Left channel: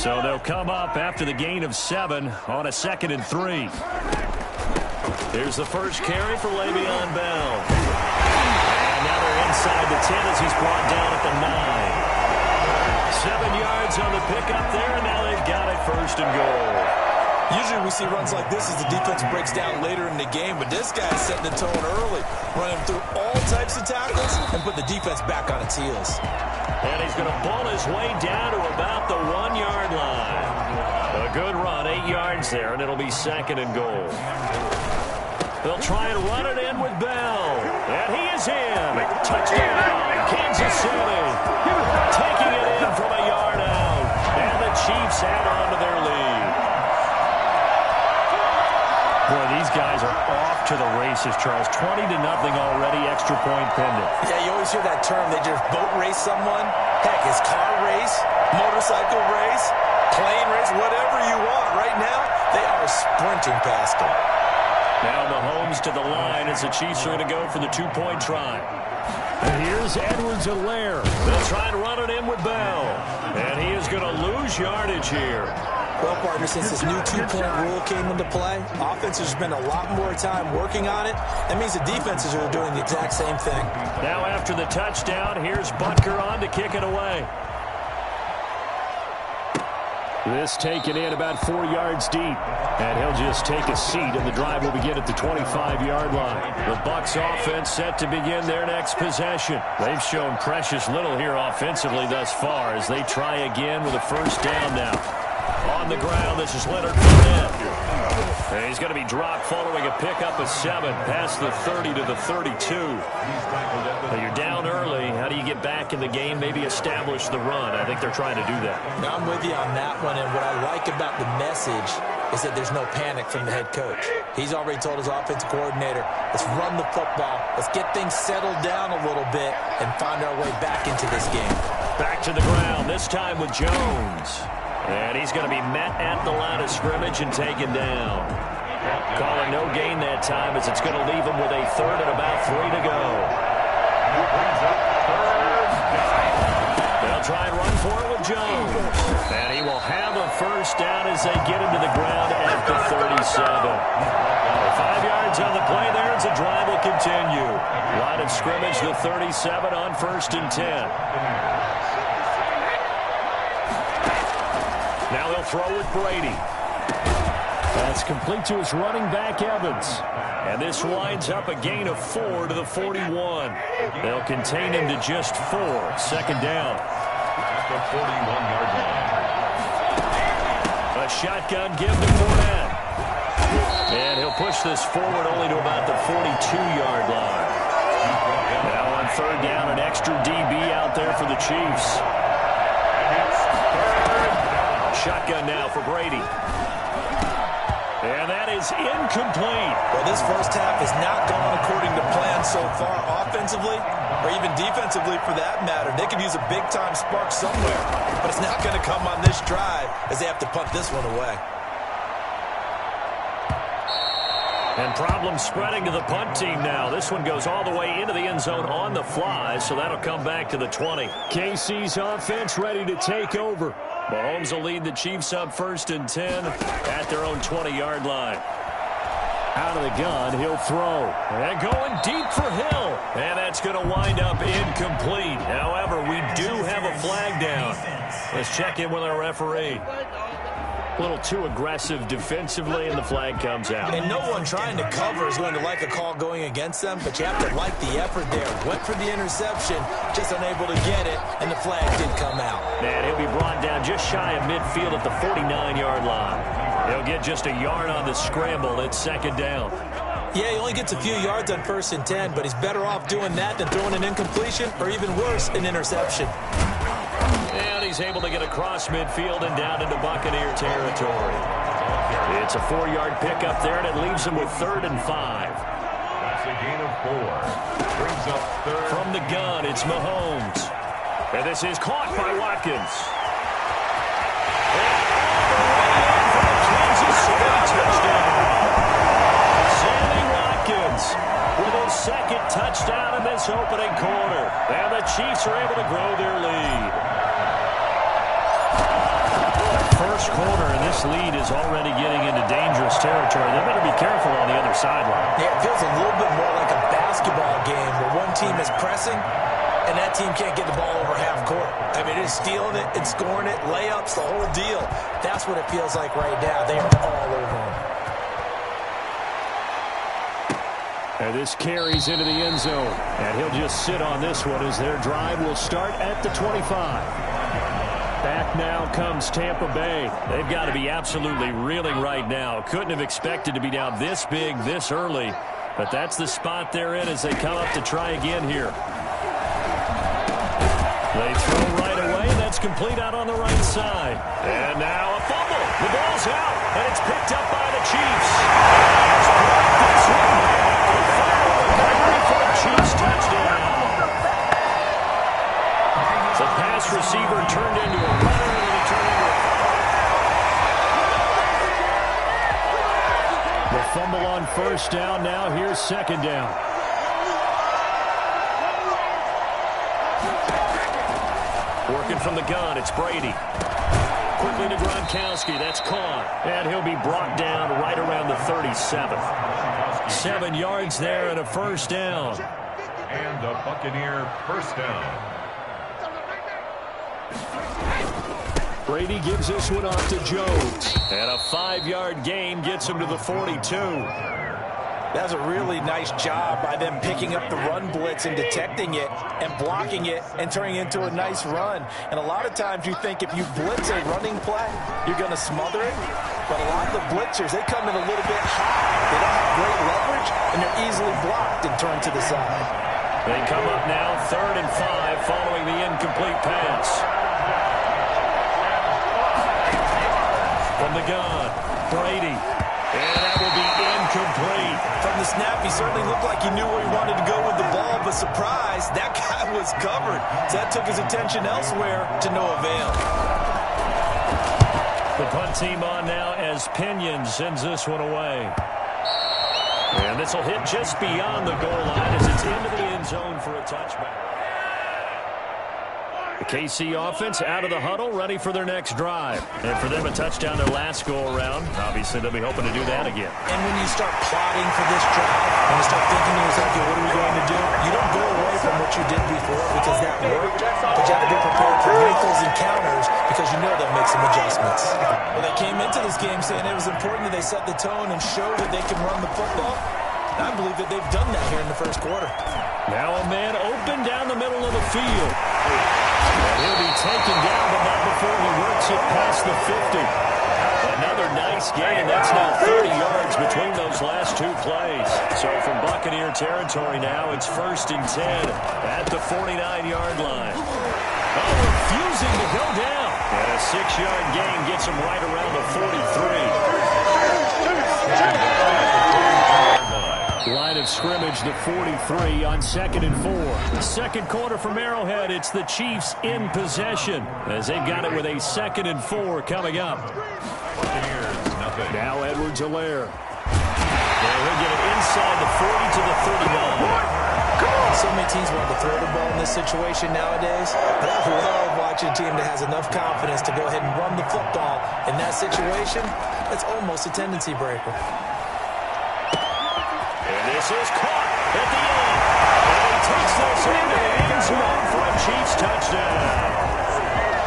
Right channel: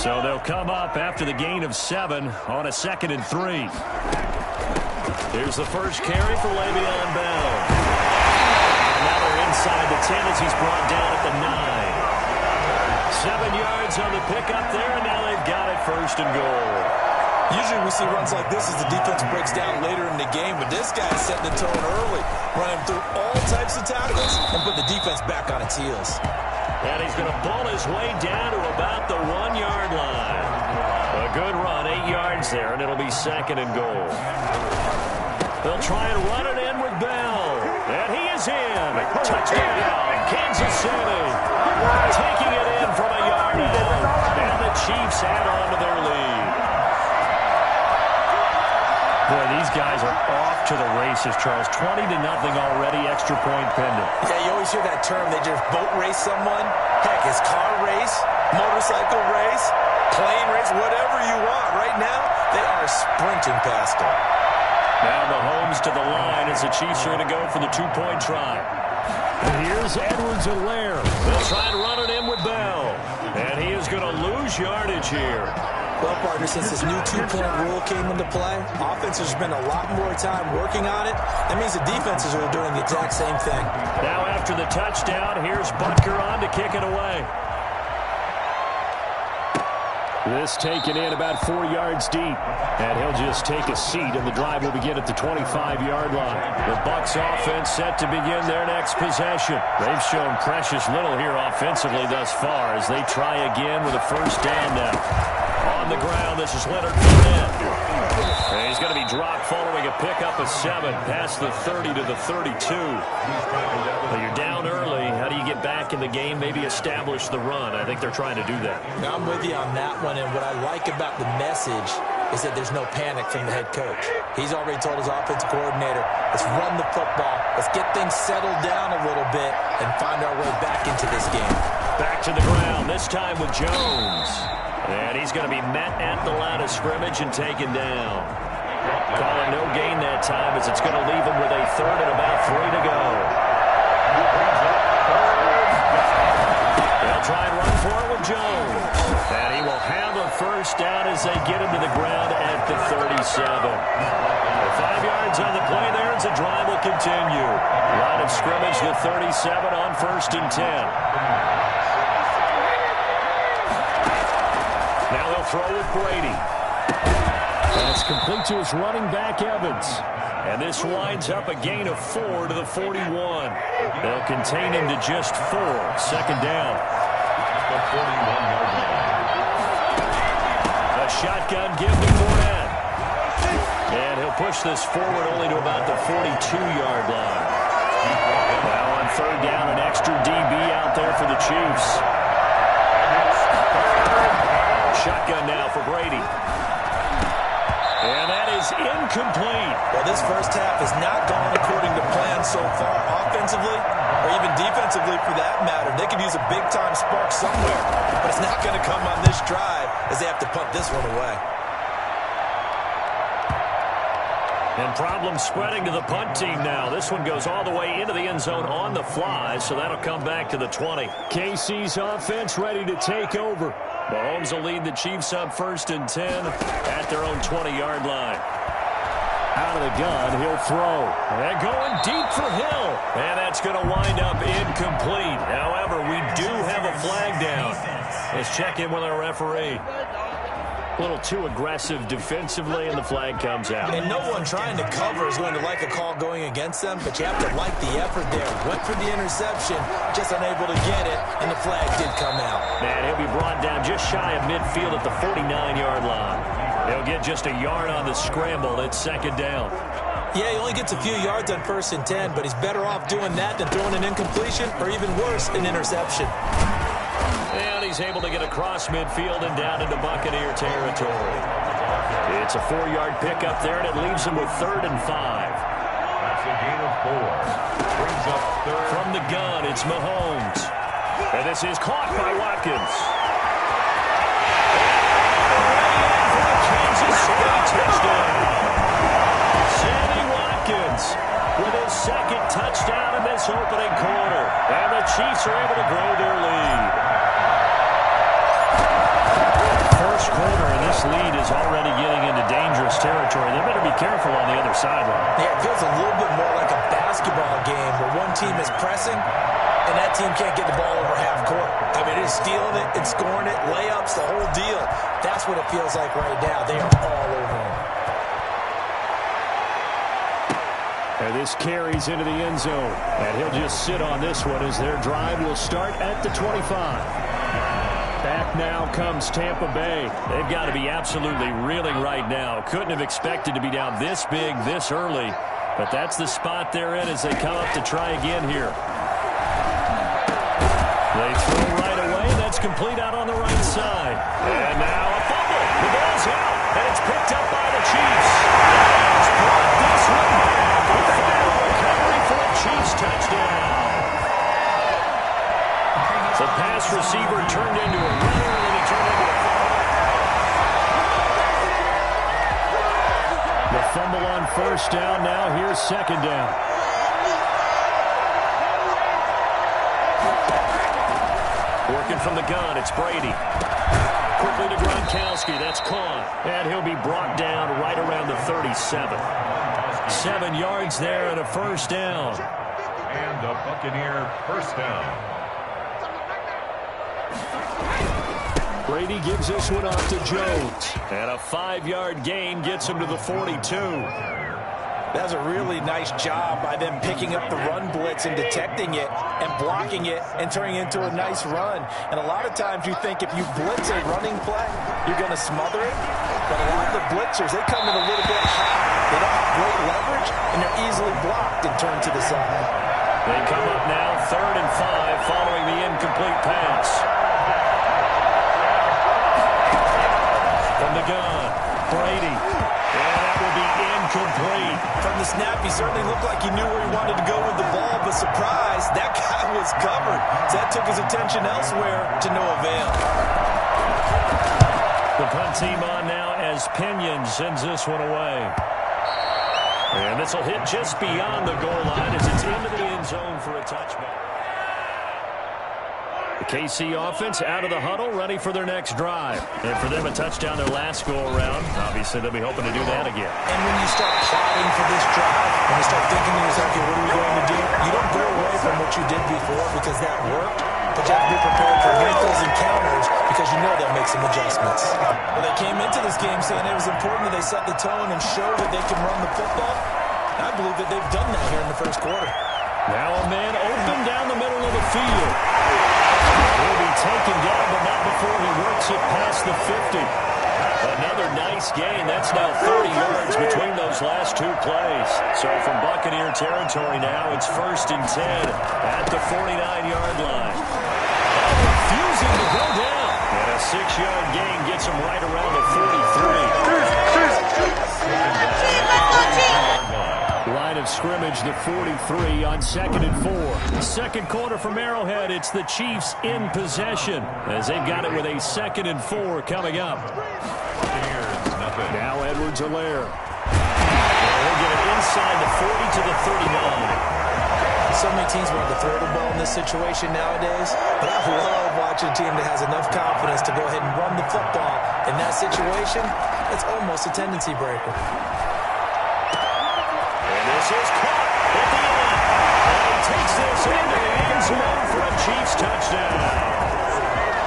So they'll come up after the gain of 7 on a 2nd and 3. Here's the first carry for Le'Veon Bell. And now they're inside the 10 as he's brought down at the 9. 7 yards on the pickup there, and now they've got it 1st and goal. Usually we see runs like this as the defense breaks down later in the game, but this guy is setting the tone early, running through all types of tackles and put the defense back on its heels. And he's going to pull his way down to about the 1-yard line. A good run, 8 yards there, and it'll be 2nd and goal. They'll try and run it in with Bell. And he is in. Touchdown, Kansas City. Taking it in from a yard out. And the Chiefs add on to their lead. Boy, these guys are off to the races, Charles. 20-0 already, extra point pending. Yeah, you always hear that term. They just boat race someone. Heck, it's car race, motorcycle race, plane race, whatever you want. Right now, they are sprinting past them. Now Mahomes to the line as the Chiefs are going to go for the 2-point try. And here's Edwards-Helaire. They'll try and run it in with Bell. And he is going to lose yardage here. Well, partner, since this new 2-point rule came into play, offenses spend a lot more time working on it. That means the defenses are doing the exact same thing. Now after the touchdown, here's Butker on to kick it away. This taken in about 4 yards deep. And he'll just take a seat, and the drive will begin at the 25-yard line. The Bucs offense set to begin their next possession. They've shown precious little here offensively thus far as they try again with a 1st down now. On the ground, this is Leonard Fournette. And he's going to be dropped following a pickup of 7 past the 30 to the 32. Well, you're down early. How do you get back in the game? Maybe establish the run. I think they're trying to do that. Now, I'm with you on that one, and what I like about the message is that there's no panic from the head coach. He's already told his offensive coordinator, let's run the football, let's get things settled down a little bit, and find our way back into this game. Back to the ground, this time with Jones. And he's going to be met at the line of scrimmage and taken down. Calling no gain that time as it's going to leave him with a 3rd and about 3 to go. They'll try and run for it with Jones. And he will have a 1st down as they get into the ground at the 37. 5 yards on the play there as the drive will continue. Line of scrimmage, the 37 on 1st and 10. Now they'll throw with Brady. That's complete to his running back, Evans. And this winds up a gain of 4 to the 41. They'll contain him to just 4. 2nd down. At the 41-yard line. A shotgun give to Fournette. And he'll push this forward only to about the 42-yard line. Now on 3rd down, an extra DB out there for the Chiefs. Shotgun now for Brady. And that is incomplete. Well, this first half has not gone according to plan so far offensively or even defensively for that matter. They could use a big-time spark somewhere, but it's not going to come on this drive as they have to punt this one away. And problems spreading to the punt team now. This one goes all the way into the end zone on the fly, so that'll come back to the 20. KC's offense ready to take over. Mahomes will lead the Chiefs up 1st and 10 at their own 20-yard line. Out of the gun, he'll throw. And going deep for Hill. And that's going to wind up incomplete. However, we do have a flag down. Let's check in with our referee. A little too aggressive defensively, and the flag comes out. And no one trying to cover is going to like a call going against them, but you have to like the effort there. Went for the interception, just unable to get it, and the flag did come out. And he'll be brought down just shy of midfield at the 49-yard line. He'll get just a yard on the scramble at 2nd down. Yeah, he only gets a few yards on 1st and 10, but he's better off doing that than throwing an incompletion, or even worse, an interception. And he's able to get across midfield and down into Buccaneer territory. It's a 4-yard pickup there, and it leaves him with 3rd and 5. That's a gain of 4. Brings up 3rd. From the gun, it's Mahomes. And this is caught by Watkins. And all the way in for the Kansas City touchdown. Sammy Watkins with his 2nd touchdown in this opening quarter. And the Chiefs are able to grow their lead. first quarter, and this lead is already getting into dangerous territory. They better be careful on the other sideline. Yeah, it feels a little bit more like a basketball game where one team is pressing and that team can't get the ball over half court. I mean, it's stealing it, it's scoring it, layups, the whole deal. That's what it feels like right now. They are all over them. And this carries into the end zone. And he'll just sit on this one as their drive will start at the 25. Back now comes Tampa Bay. They've got to be absolutely reeling right now. Couldn't have expected to be down this big this early. But that's the spot they're in as they come up to try again here. They throw right away. That's complete out on the right side. And now a fumble. The ball's out. And it's picked up by the Chiefs. And it's brought this one back. A final recovery for a Chiefs touchdown. The pass receiver turned into a runner, and then he turned into a fumble. The fumble on first down. Now here's second down. Working from the gun, it's Brady. Quickly to Gronkowski, that's caught. And he'll be brought down right around the 37. 7 yards there and a first down. And a Buccaneer first down. Brady gives this one off to Jones. And a 5-yard gain gets him to the 42. That was a really nice job by them picking up the run blitz and detecting it and blocking it and turning it into a nice run. And a lot of times you think if you blitz a running play, you're going to smother it. But a lot of the blitzers, they come in a little bit high. They don't have great leverage, and they're easily blocked and turned to the side. They come up now 3rd and 5 following the incomplete pass. From the gun, Brady. And that will be incomplete. From the snap, he certainly looked like he knew where he wanted to go with the ball, but surprise, that guy was covered. So that took his attention elsewhere to no avail. The punt team on now as Pinion sends this one away. And this will hit just beyond the goal line as it's into the end zone for a touchback. The KC offense out of the huddle, ready for their next drive. And for them, a touchdown their last go-around. Obviously, they'll be hoping to do that again. And when you start plotting for this drive, when you start thinking to yourself, okay, what are we going to do? You don't go away from what you did before because that worked, but you have to be prepared for wrinkles and counters because you know they'll make some adjustments. Well, they came into this game saying it was important that they set the tone and show that they can run the football. And I believe that they've done that here in the first quarter. Now a man open down the middle of the field. And he'll be taken down, but not before he works it past the 50. Another nice gain. That's now 30 yards between those last 2 plays. So from Buccaneer territory now, it's 1st and 10 at the 49-yard line. Oh, refusing to go down. And a 6-yard gain gets him right around the 43. Line of scrimmage, the 43 on 2nd and 4. Second quarter from Arrowhead. It's the Chiefs in possession as they've got it with a 2nd and 4 coming up. Now Edwards-Helaire. And he'll get it inside the 40 to the 39. So many teams want to throw the ball in this situation nowadays, but I love watching a team that has enough confidence to go ahead and run the football. In that situation, it's almost a tendency breaker. And this is caught at the end. And he takes this into the end zone for a Chiefs touchdown.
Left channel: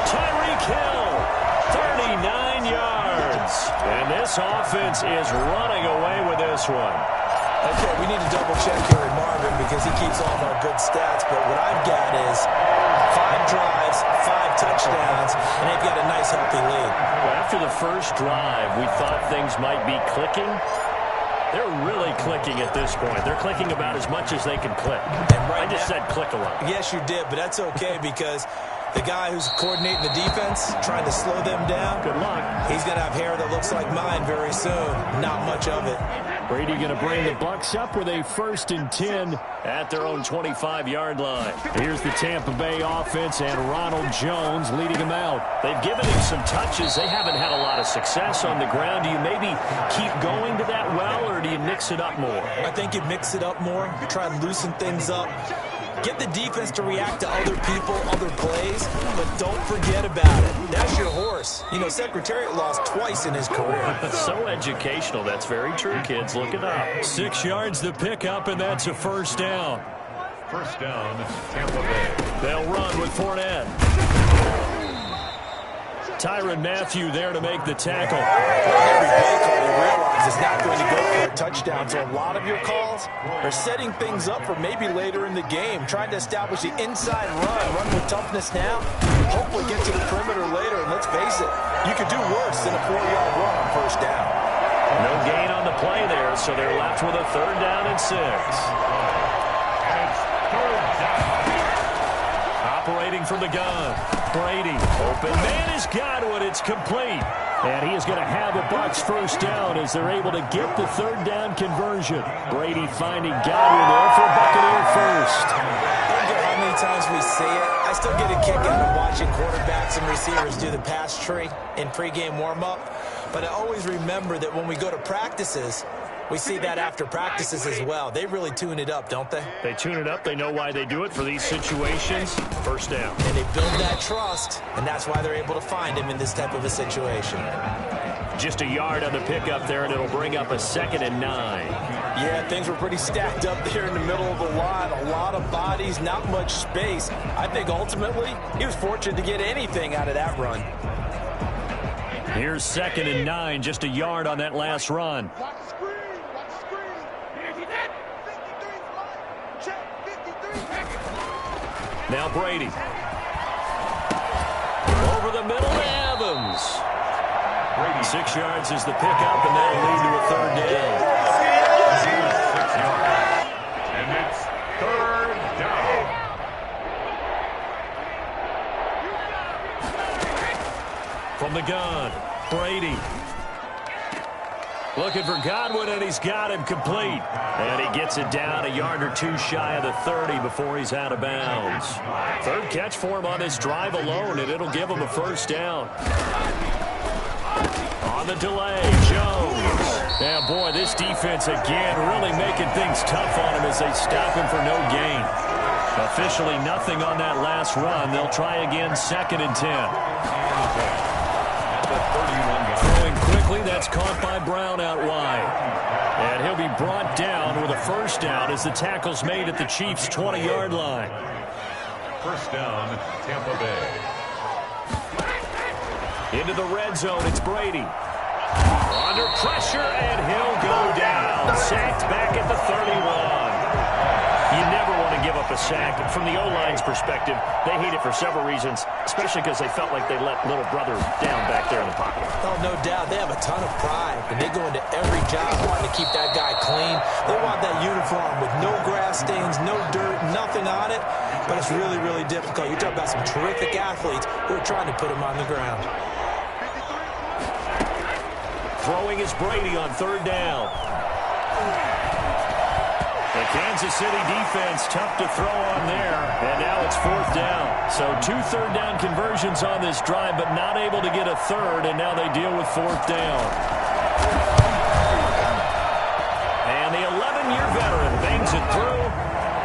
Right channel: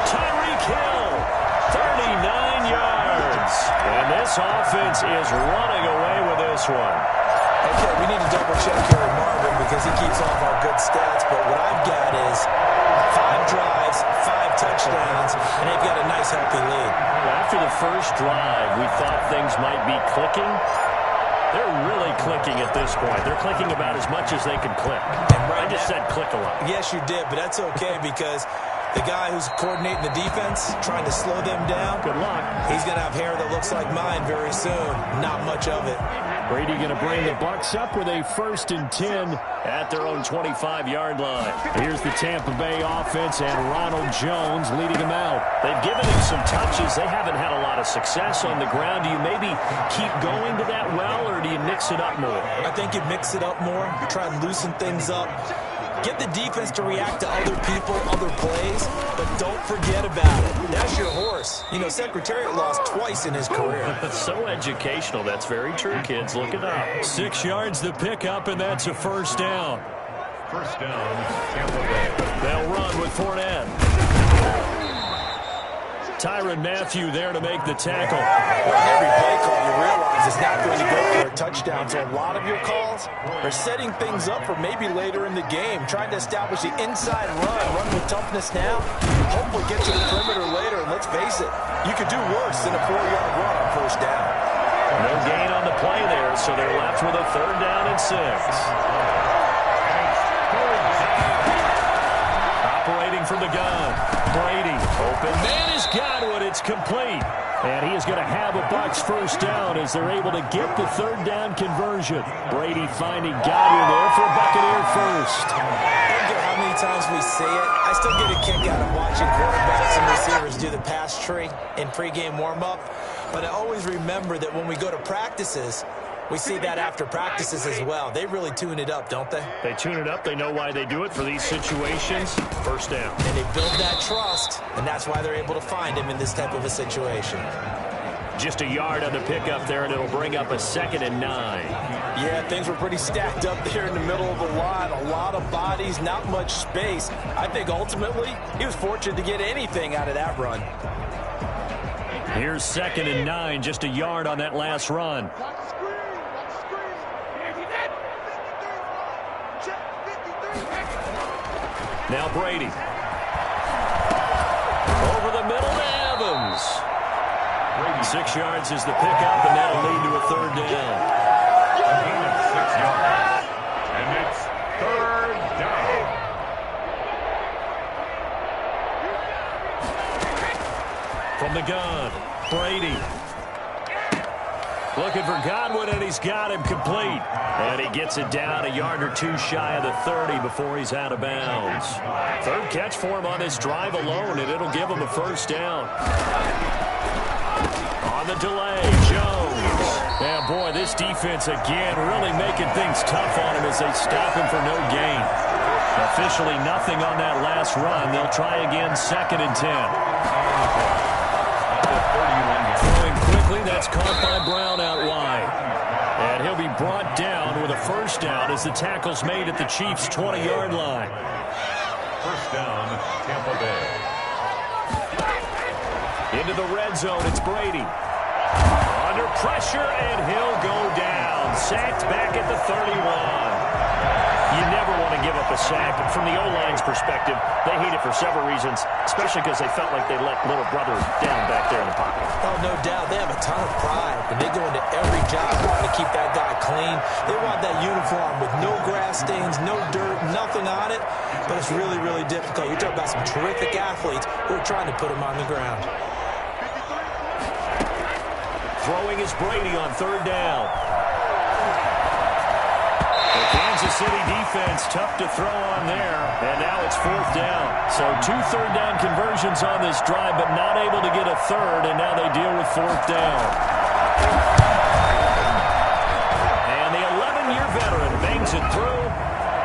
Tyreek Hill, 39 yards. And this offense is running away with this one. Okay, we need to double-check here with Marvin because he keeps all of our good stats. But what I've got is 5 drives, 5 touchdowns, and they've got a nice, healthy lead. Well, after the first drive, we thought things might be clicking. They're really clicking at this point. They're clicking about as much as they can click. And right I just said click a lot. Yes, you did, but that's okay because the guy who's coordinating the defense, trying to slow them down, good luck. He's going to have hair that looks like mine very soon. Not much of it. Brady going to bring the Bucs up with a 1st and 10 at their own 25-yard line. Here's the Tampa Bay offense and Ronald Jones leading them out. They've given him some touches. They haven't had a lot of success on the ground. Do you maybe keep going to that well, or do you mix it up more? I think you mix it up more, try and loosen things up. Get the defense to react to other people, other plays, but don't forget about it. That's your horse. You know, Secretariat lost twice in his career. So educational. That's very true, kids. Look it up. 6 yards the pickup, and that's a first down. First down, Tampa Bay. They'll run with Fournette. Tyrann Mathieu there to make the tackle. Every play call you realize is not going to go for a touchdown. So a lot of your calls are setting things up for maybe later in the game, trying to establish the inside run with toughness now, hopefully get to the perimeter later. And let's face it, you could do worse than a 4-yard run on first down. No gain on the play there, so they're left with a 3rd down and 6. Operating from the gun. Brady. Open man is Godwin. It's complete. And he is going to have a Bucs first down as they're able to get the 3rd down conversion. Brady finding Godwin there for Buccaneer first. I don't care how many times we see it. I still get a kick out of watching quarterbacks and receivers do the pass tree in pregame warm-up. But I always remember that when we go to practices, we see that after practices as well. They really tune it up, don't they? They tune it up. They know why they do it for these situations. First down. And they build that trust, and that's why they're able to find him in this type of a situation. Just a yard on the pickup there, and it'll bring up a 2nd and 9. Yeah, things were pretty stacked up there in the middle of the line. A lot of bodies, not much space. I think ultimately he was fortunate to get anything out of that run. Here's 2nd and 9, just a yard on that last run. Now Brady. Over the middle to Evans. 6 yards is the pickup, and that'll lead to a 3rd down. 6 yards. And it's 3rd down. From the gun, Brady. Looking for Godwin, and he's got him complete. And he gets it down a yard or 2 shy of the 30 before he's out of bounds. 3rd catch for him on this drive alone, and it'll give him a first down. On the delay, Jones. And boy, this defense again really making things tough on him as they stop him for no gain. Officially nothing on that last run. They'll try again, 2nd and 10. Throwing quickly, that's caught by Brown out wide. And he'll be brought down with a first down as the tackle's made at the Chiefs' 20-yard line. First down, Tampa Bay. Into the red zone, it's Brady. Under pressure, and he'll go down. Sacked back at the 31. You never want to give up a sack. From the O-line's perspective, they hate it for several reasons, especially because they felt like they let little brother down back there in the pocket. Oh, no doubt. They have a ton of pride, and they go into every job wanting to keep that guy clean. They want that uniform with no grass stains, no dirt, nothing on it, but it's really, really difficult. You're talking about some terrific athletes who are trying to put him on the ground. Throwing is Brady on 3rd down. The Kansas City defense tough to throw on there, and now it's 4th down. So 2 3rd down conversions on this drive, but not able to get a 3rd, and now they deal with 4th down. And the 11-year veteran bangs it through,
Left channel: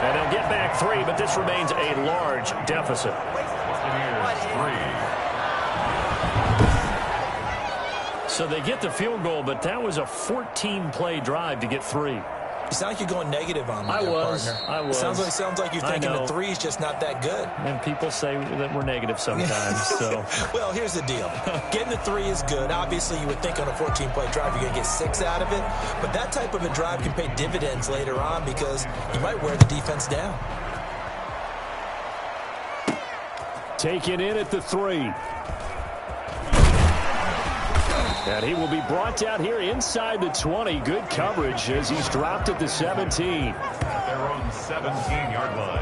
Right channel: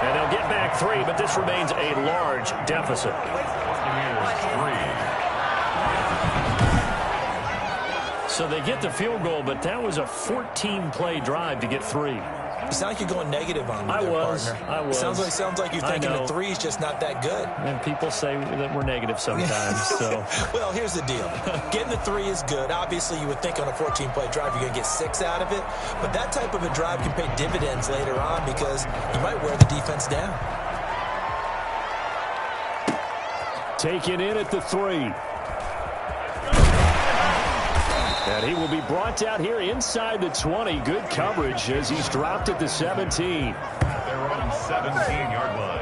and they'll get back 3, but this remains a large deficit. Buccaneers 3. So they get the field goal, but that was a 14-play drive to get 3. You sound like you're going negative on me I there, was. partner. I was. Sounds like you're thinking the 3 is just not that good. And people say that we're negative sometimes. So, well, here's the deal. Getting the 3 is good. Obviously, you would think on a 14-play drive you're going to get 6 out of it. But that type of a drive can pay dividends later on because you might wear the defense down. Taken in at the 3. And he will be brought down here inside the 20. Good coverage as he's dropped at the 17. They're on 17-yard line.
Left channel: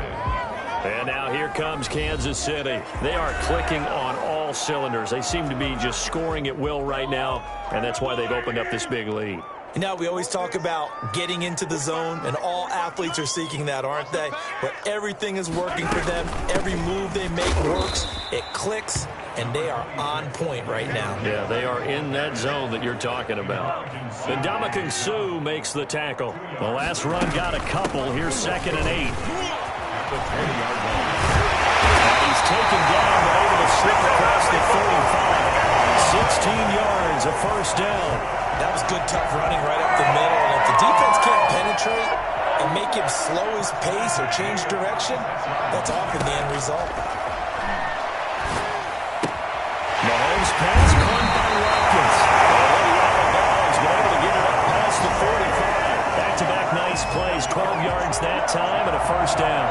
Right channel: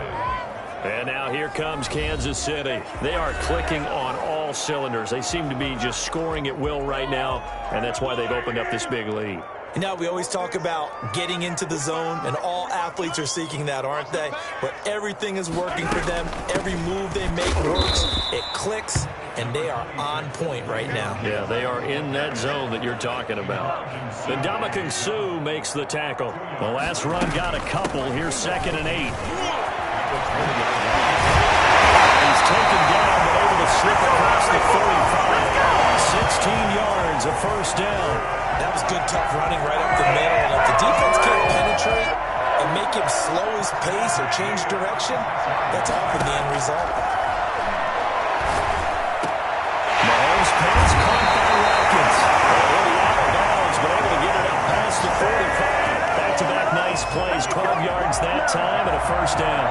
And now here comes Kansas City. They are clicking on all cylinders. They seem to be just scoring at will right now, and that's why they've opened up this big lead. You know, we always talk about getting into the zone, and all athletes are seeking that, aren't they? Where everything is working for them. Every move they make works. It clicks, and they are on point right now. Yeah, they are in that zone that you're talking about. Ndamukong Suh makes the tackle. The last run got a couple. Here's 2nd and 8. the 20-yard line. And he's taken down, but able to slip across the 35. 16 yards, a first down. That was good, tough running right up the middle. And if the defense can't penetrate and make him slow his pace or change direction, that's often the end result. Mahomes pass caught by Watkins. He'll be out of bounds, but able to get it up past the 45. Back-to-back nice plays, 12 yards that time and a first down.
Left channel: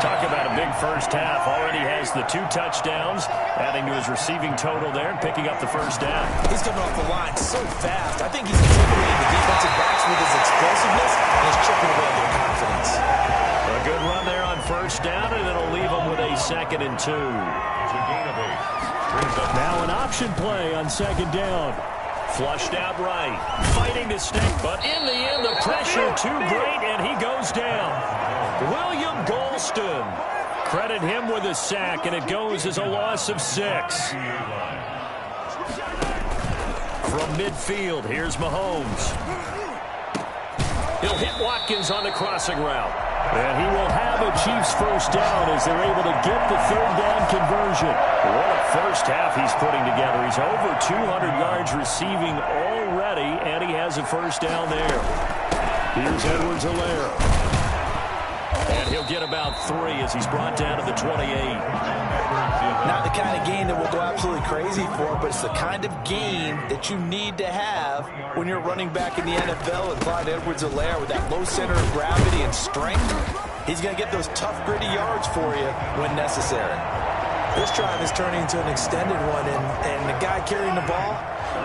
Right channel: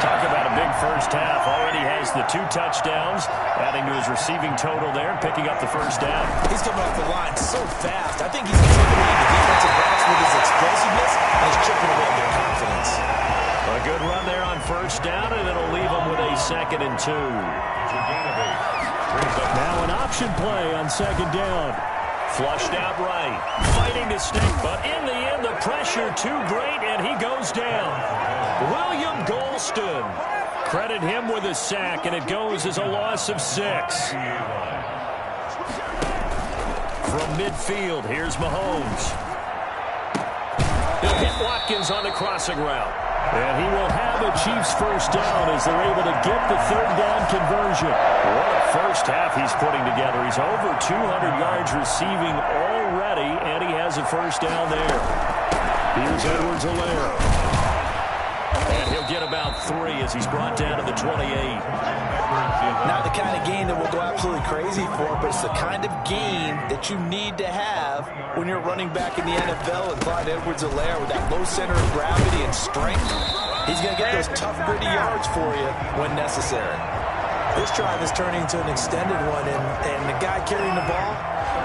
Talk about a big first half. Already has the 2 touchdowns, adding to his receiving total there and picking up the first down. He's coming off the line so fast. I think he's intimidating the defensive backs with his explosiveness, and he's chipping away at their confidence. A good run there on first down, and it'll leave him with a 2nd and 2. It's a gain of 8. Now an option play on 2nd down. Flushed out right, fighting to stay, but in the end, the pressure too great, and he goes down. William Golston. Credit him with a sack, and it goes as a loss of 6. From midfield, here's Mahomes. He'll hit Watkins on the crossing route. And he will have a Chiefs first down as they're able to get the 3rd down conversion. What a first half he's putting together. He's over 200 yards receiving already, and he has a first down there. Here's Edwards-Helaire. And he'll get about 3 as he's brought down to the 28. Not the kind of game that we'll go absolutely crazy for, but it's the kind of game that you need to have when you're running back in the NFL. And Clyde Edwards-Helaire with that low center of gravity and strength, he's going to get those tough, gritty yards for you when necessary. This drive is turning into an extended one, and the guy carrying the ball,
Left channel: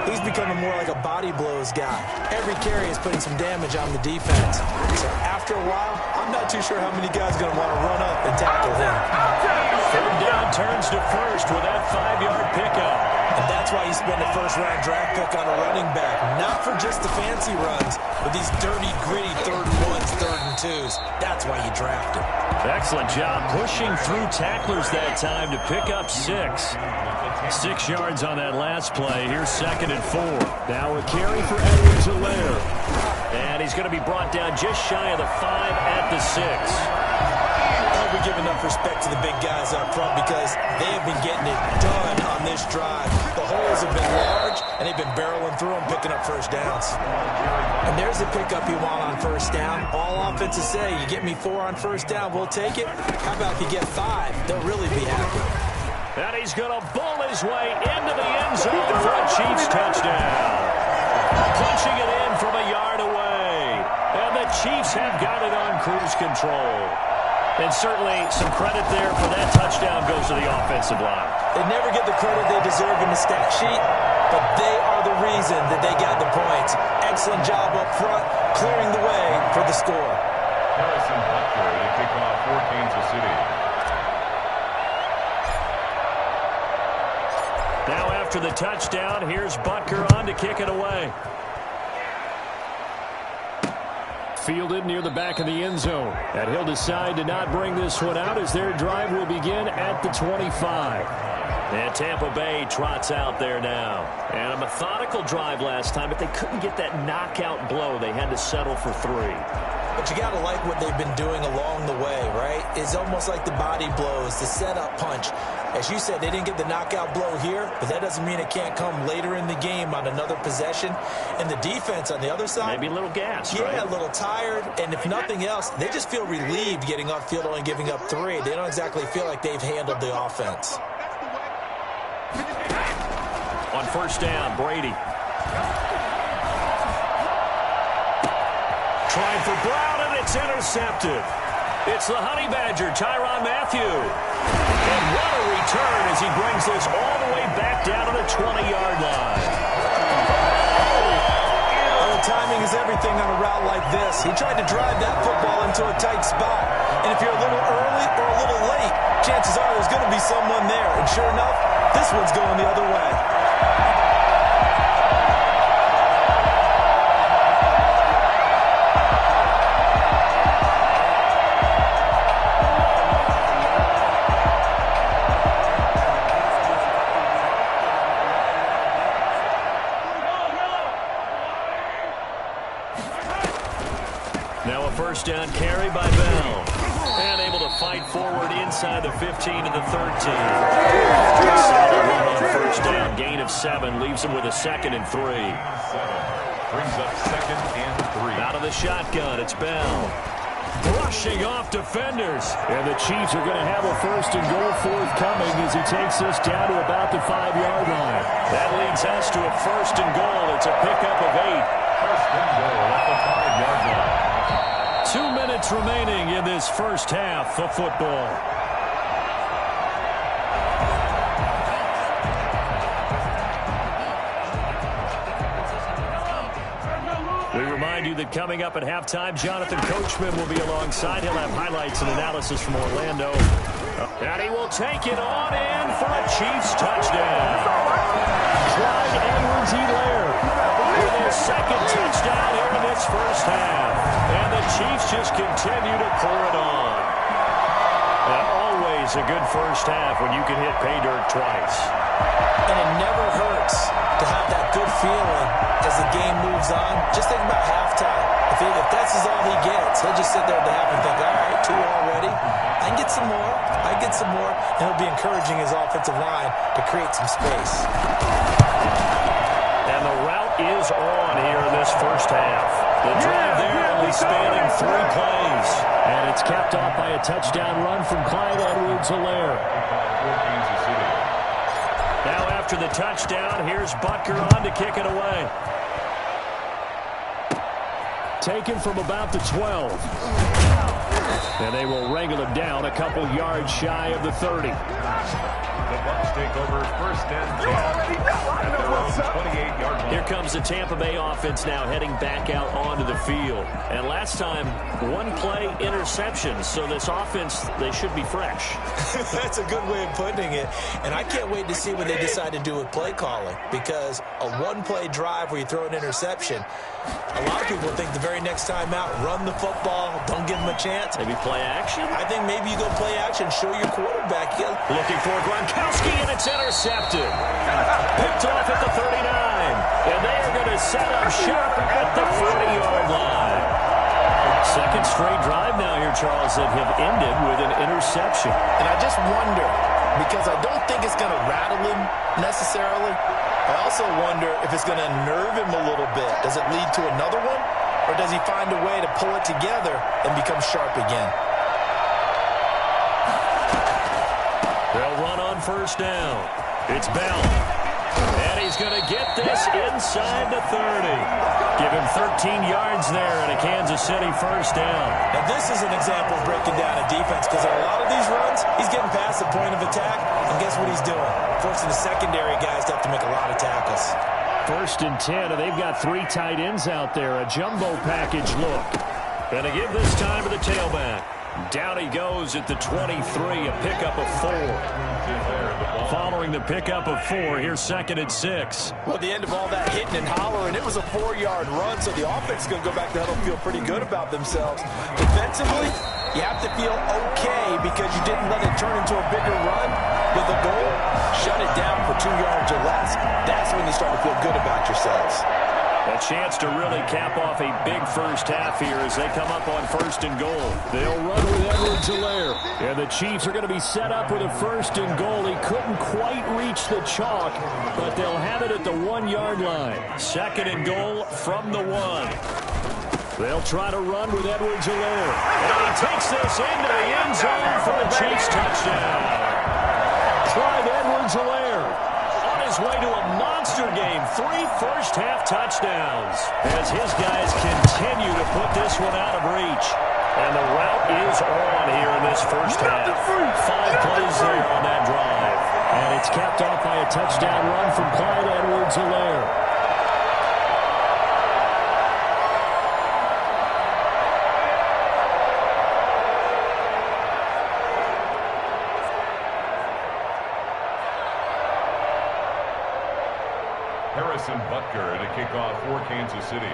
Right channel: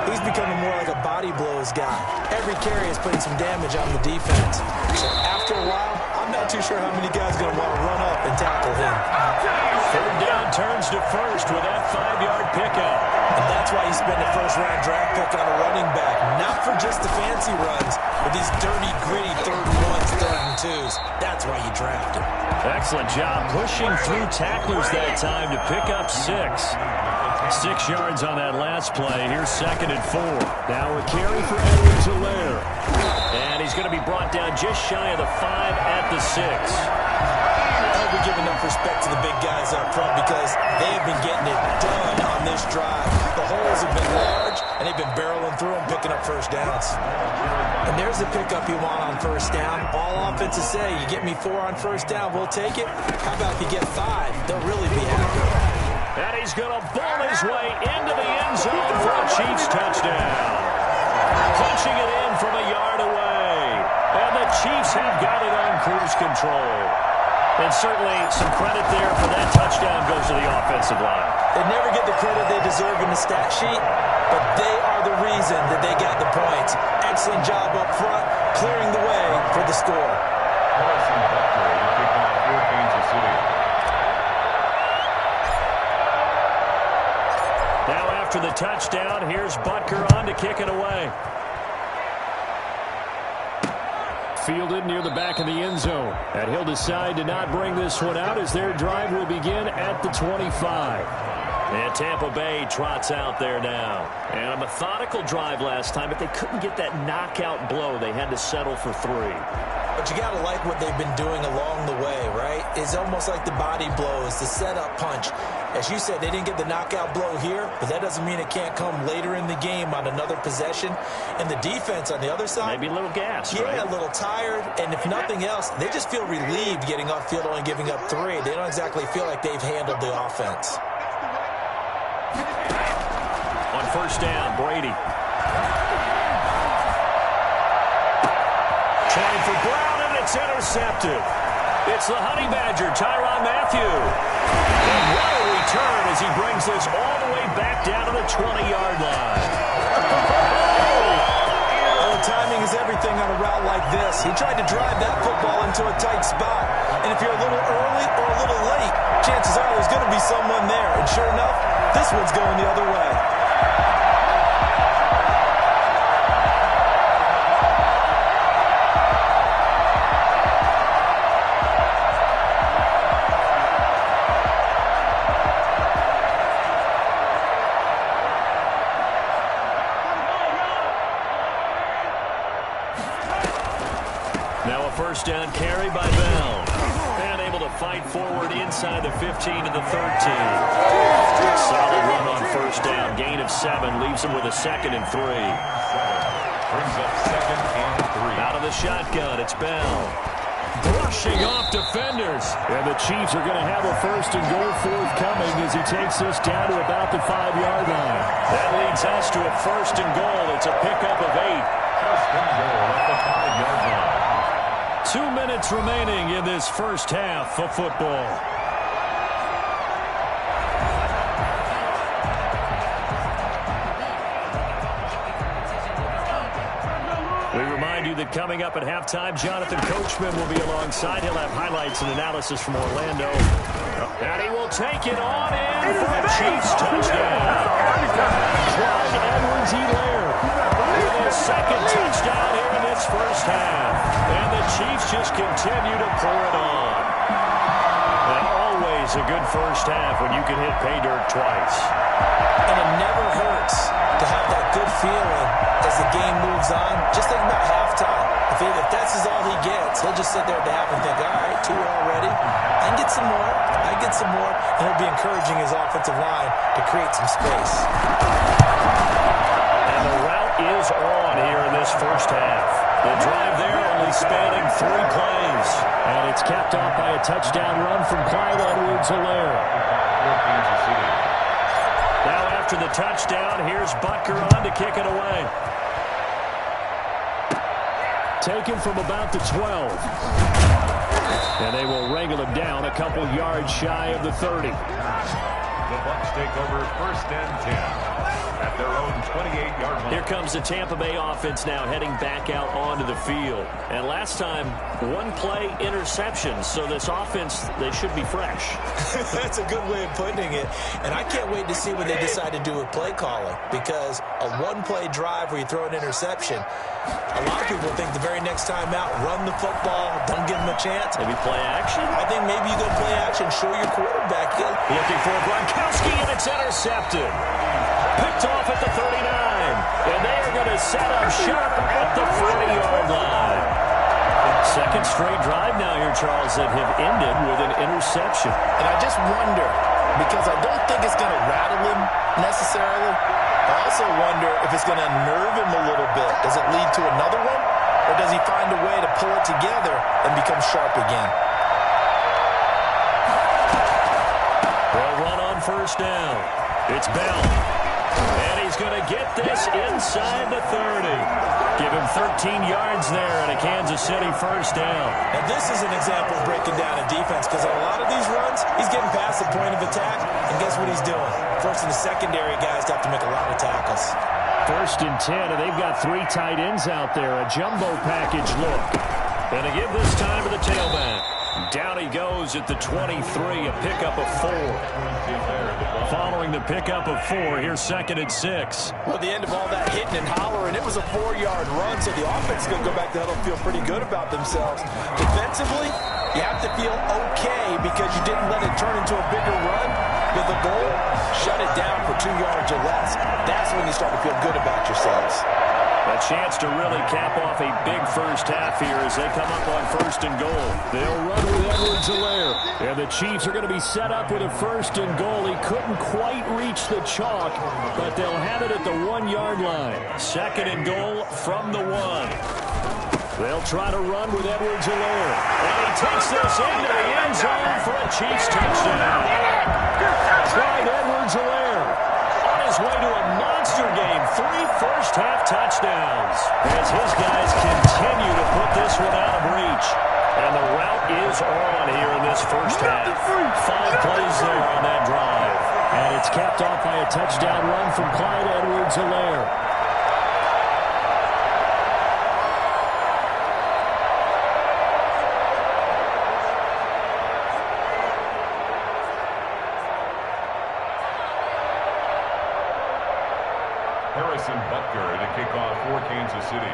he's becoming more like a body blows guy. Every carry is putting some damage on the defense. So after a while, I'm not too sure how many guys are going to want to run up and tackle him. 3rd down turns to first with that 5-yard pickup. And that's why you spend a first-round draft pick on a running back. Not for just the fancy runs, but these dirty, gritty 3rd and 1s, 3rd and 2s. That's why you draft him. Excellent job pushing through tacklers that time to pick up 6. 6 yards on that last play. Here's 2nd and 4. Now a carry for Edwards-Helaire. And he's going to be brought down just shy of the 5 at the 6. I hope we give enough respect to the big guys up front because they have been getting it done on this drive. The holes have been large, and they've been barreling through them, picking up first downs. And there's the pickup you want on first down. All offenses say, you get me 4 on first down, we'll take it. How about if you get 5? They'll really be happy. And he's going to bull his way into the end zone for a Chiefs touchdown. Punching it in from a yard away. And the Chiefs have got it on cruise control. And certainly some credit there for that touchdown goes to the offensive line. They never get the credit they deserve in the stat sheet, but they are the reason that they got the points. Excellent job up front, clearing the way for the score. Harrison Butker to kick off for Kansas City. Now after the touchdown, here's Butker on to kick it away. Fielded near the back of the end zone. And he'll decide to not bring this one out as their drive will begin at the 25. And Tampa Bay trots out there now. And a methodical drive last time, but they couldn't get that knockout blow. They had to settle for 3. But you got to like what they've been doing along the way, right? It's almost like the body blows, the setup punch. As you said, they didn't get the knockout blow here, but that doesn't mean it can't come later in the game on another possession. And the defense on the other side, maybe a little gassed, yeah, right? A little tired. And if nothing else, they just feel relieved getting off field, only giving up 3. They don't exactly feel like they've handled the offense. On first down, Brady. Trying for Brown, and it's intercepted. It's the Honey Badger, Tyrann Mathieu. And what a return as he brings this all the way back down to the 20-yard line. Well, timing is everything on a route like this. He tried to drive that football into a tight spot. And if you're a little early or a little late, chances are there's going to be someone there. And sure enough, this one's going the other way. Now a first down carry by Bell. And able to fight forward inside the 15 to the 13. Solid run on first down. Gain of 7 leaves him with a 2nd and 3. 7 brings up 2nd and 3. Out of the shotgun, it's Bell. Brushing off defenders. And the Chiefs are going to have a 1st and goal forthcoming as he takes this down to about the 5-yard line. That leads us to a 1st and goal. It's a pickup of 8. 1st and goal at the 5-yard line. 2 minutes remaining in this first half of football. We remind you that coming up at halftime, Jonathan Coachman will be alongside. He'll have highlights and analysis from Orlando. And he will take it on in for a Chiefs touchdown. Clyde Edwards-Helaire with his 2nd touchdown here in this first half. And the Chiefs just continue to pour it on. And always a good first half when you can hit pay dirt twice. And it never hurts to have that good feeling as the game moves on. Just think about halftime. If that's all he gets, he'll just sit there at the half and think, all right, 2 already. I can get some more. I can get some more. And he'll be encouraging his offensive line to create some space. And the route is on here in this first half. The drive there only spanning 3 plays. And it's capped off by a touchdown run from Clyde Edwards-Helaire. For Kansas City. Now after the touchdown, here's Butker on to kick it away. Taken from about the 12. And they will wrangle him down a couple yards shy of the 30. The Bucs take over 1st and 10 at their own 28-yard line. Here comes the Tampa Bay offense now heading back out onto the field. And last time, 1-play interceptions. So this offense, they should be fresh. That's a good way of putting it. And I can't wait to see what they decide to do with play calling. Because a 1-play drive where you throw an interception, a lot of people think the very next time out, run the football, don't give them a chance. Maybe play action? I think maybe you go play action, show your quarterback. Looking for Gronkowski, and it's intercepted. Picked off at the 39. And they are going to set up shop at the 40-yard line. 2nd straight drive now here, Charles, that have ended with an interception. And I just wonder, because I don't think it's going to rattle him necessarily. I also wonder if it's going to unnerve him a little bit. Does it lead to another one? Or does he find a way to pull it together and become sharp again? They'll run on first down. It's Bell. And he's going to get this inside the 30. Give him 13 yards there and a Kansas City first down. And this is an example of breaking down a defense, because on a lot of these runs, he's getting past the point of attack, and guess what he's doing? Forcing the secondary guys to have to make a lot of tackles. 1st and 10, and they've got 3 tight ends out there. A jumbo package look. And they give this time to the tailback. Down he goes at the 23, a pickup of 4. Following the pickup of 4, here's 2nd and 6. Well, at the end of all that hitting and hollering, it was a 4-yard run, so the offense is going to go back to huddle and feel pretty good about themselves. Defensively, you have to feel okay because you didn't let it turn into a bigger run. With a goal, shut it down for 2 yards or less. That's when you start to feel good about yourselves. A chance to really cap off a big first half here as they come up on 1st and goal. They'll run with Edwards-Helaire. And the Chiefs are going to be set up with a 1st and goal. He couldn't quite reach the chalk, but they'll have it at the 1-yard line. 2nd and goal from the 1. They'll try to run with Edwards-Helaire. And he takes this into the end zone for a Chiefs touchdown. Clyde Edwards-Helaire on his way to a monster game. 3 first-half touchdowns as his guys continue to put this one out of reach. And the route is on here in this first half. 5 plays there on that drive. And it's capped off by a touchdown run from Clyde Edwards-Helaire. Harrison Butker to kick off for Kansas City.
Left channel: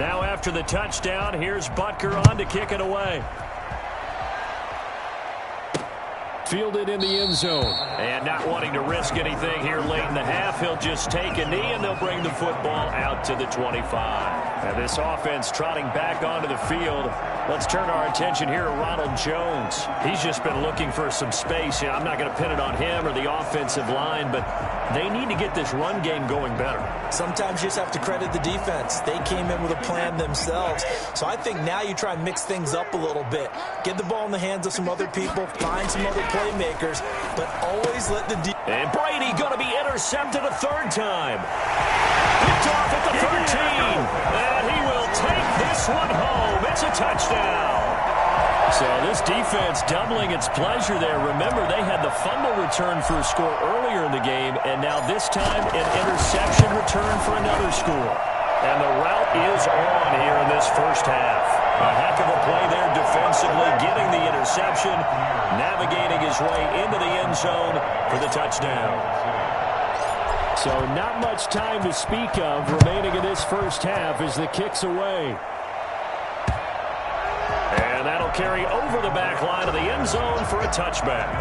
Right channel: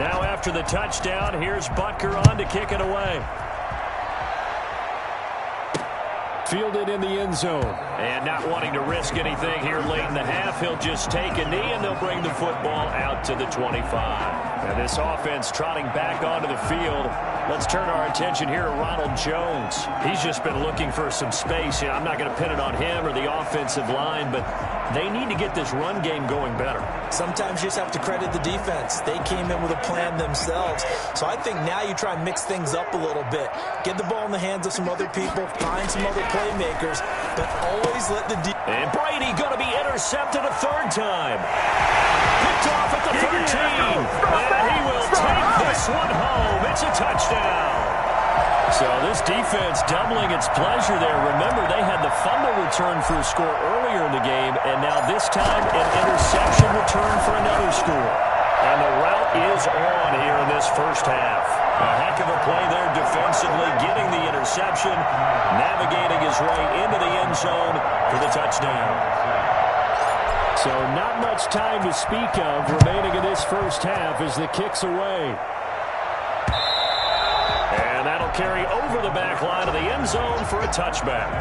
Now after the touchdown, here's Butker on to kick it away. Fielded in the end zone. And not wanting to risk anything here late in the half, he'll just take a knee, and they'll bring the football out to the 25. Now this offense trotting back onto the field. Let's turn our attention here to Ronald Jones. He's just been looking for some space. I'm not going to pin it on him or the offensive line, but they need to get this run game going better. Sometimes you just have to credit the defense. They came in with a plan themselves. So I think now you try and mix things up a little bit. Get the ball in the hands of some other people, find some other playmakers, but always let the defense. And Brady going to be intercepted a third time. Picked off at the 13. And he will take this one home. It's a touchdown. So this defense doubling its pleasure there. Remember, they had the fumble return for a score earlier in the game, and now this time an interception return for another score. And the route is on here in this first half. A heck of a play there defensively, getting the interception, navigating his way into the end zone for the touchdown. So not much time to speak of remaining in this first half as the kick's away. And that'll carry over the back line of the end zone for a touchback.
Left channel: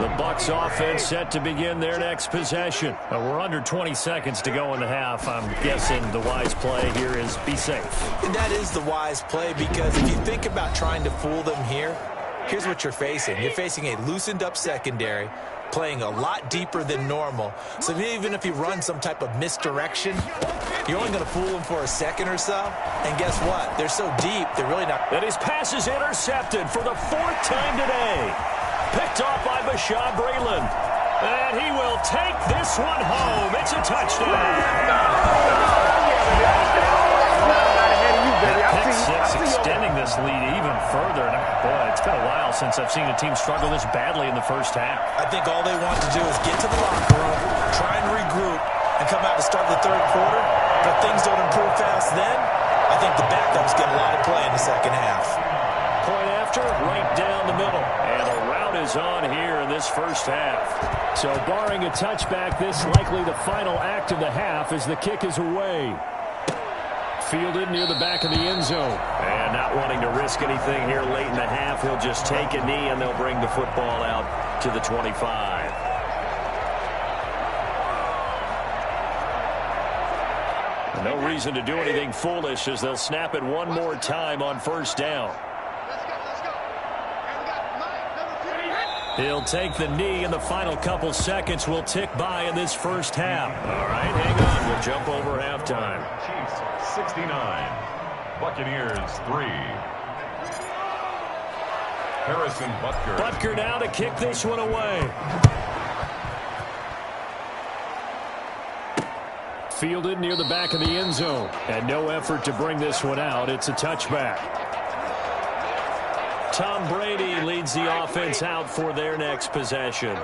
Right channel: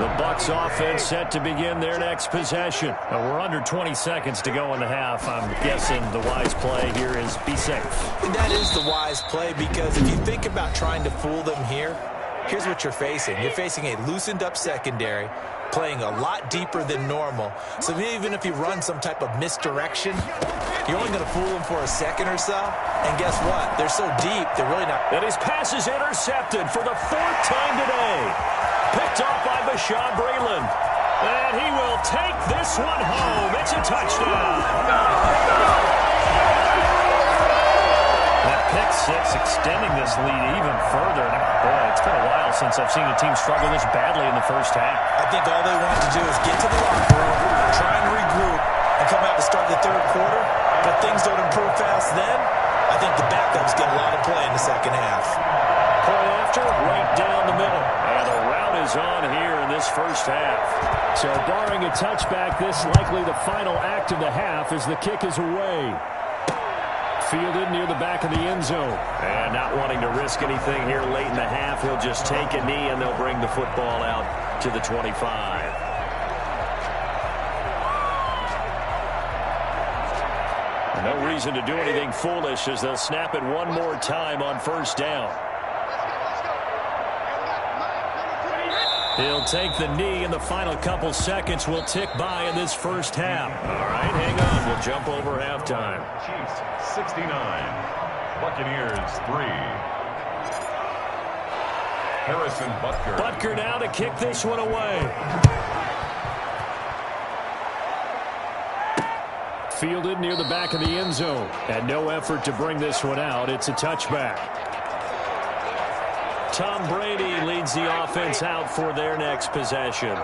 The Bucs offense set to begin their next possession. We're under 20 seconds to go in the half. I'm guessing the wise play here is be safe. That is the wise play, because if you think about trying to fool them here, here's what you're facing. You're facing a loosened up secondary, playing a lot deeper than normal. So even if you run some type of misdirection, you're only going to fool them for a second or so. And guess what? They're so deep, they're really not. And his pass is intercepted for the fourth time today. Picked off by Bashaud Breeland. And he will take this one home. It's a touchdown. That pick six extending this lead even further. And boy, it's been a while since I've seen a team struggle this badly in the first half. I think all they want to do is get to the locker room, try and regroup, and come out to start the third quarter. But if things don't improve fast then, I think the backups get a lot of play in the second half. Point after, right down the middle. And the route is on here in this first half. So barring a touchback, this likely the final act of the half as the kick is away. Fielded near the back of the end zone. And not wanting to risk anything here late in the half, he'll just take a knee and they'll bring the football out to the 25. No reason to do anything foolish as they'll snap it one more time on first down. He'll take the knee, and the final couple seconds will tick by in this first half. All right, hang on. We'll jump over halftime. Chiefs 69, Buccaneers 3. Harrison Butker. Butker now to kick this one away. Fielded near the back of the end zone. And no effort to bring this one out. It's a touchback. Tom Brady leads the offense out for their next possession.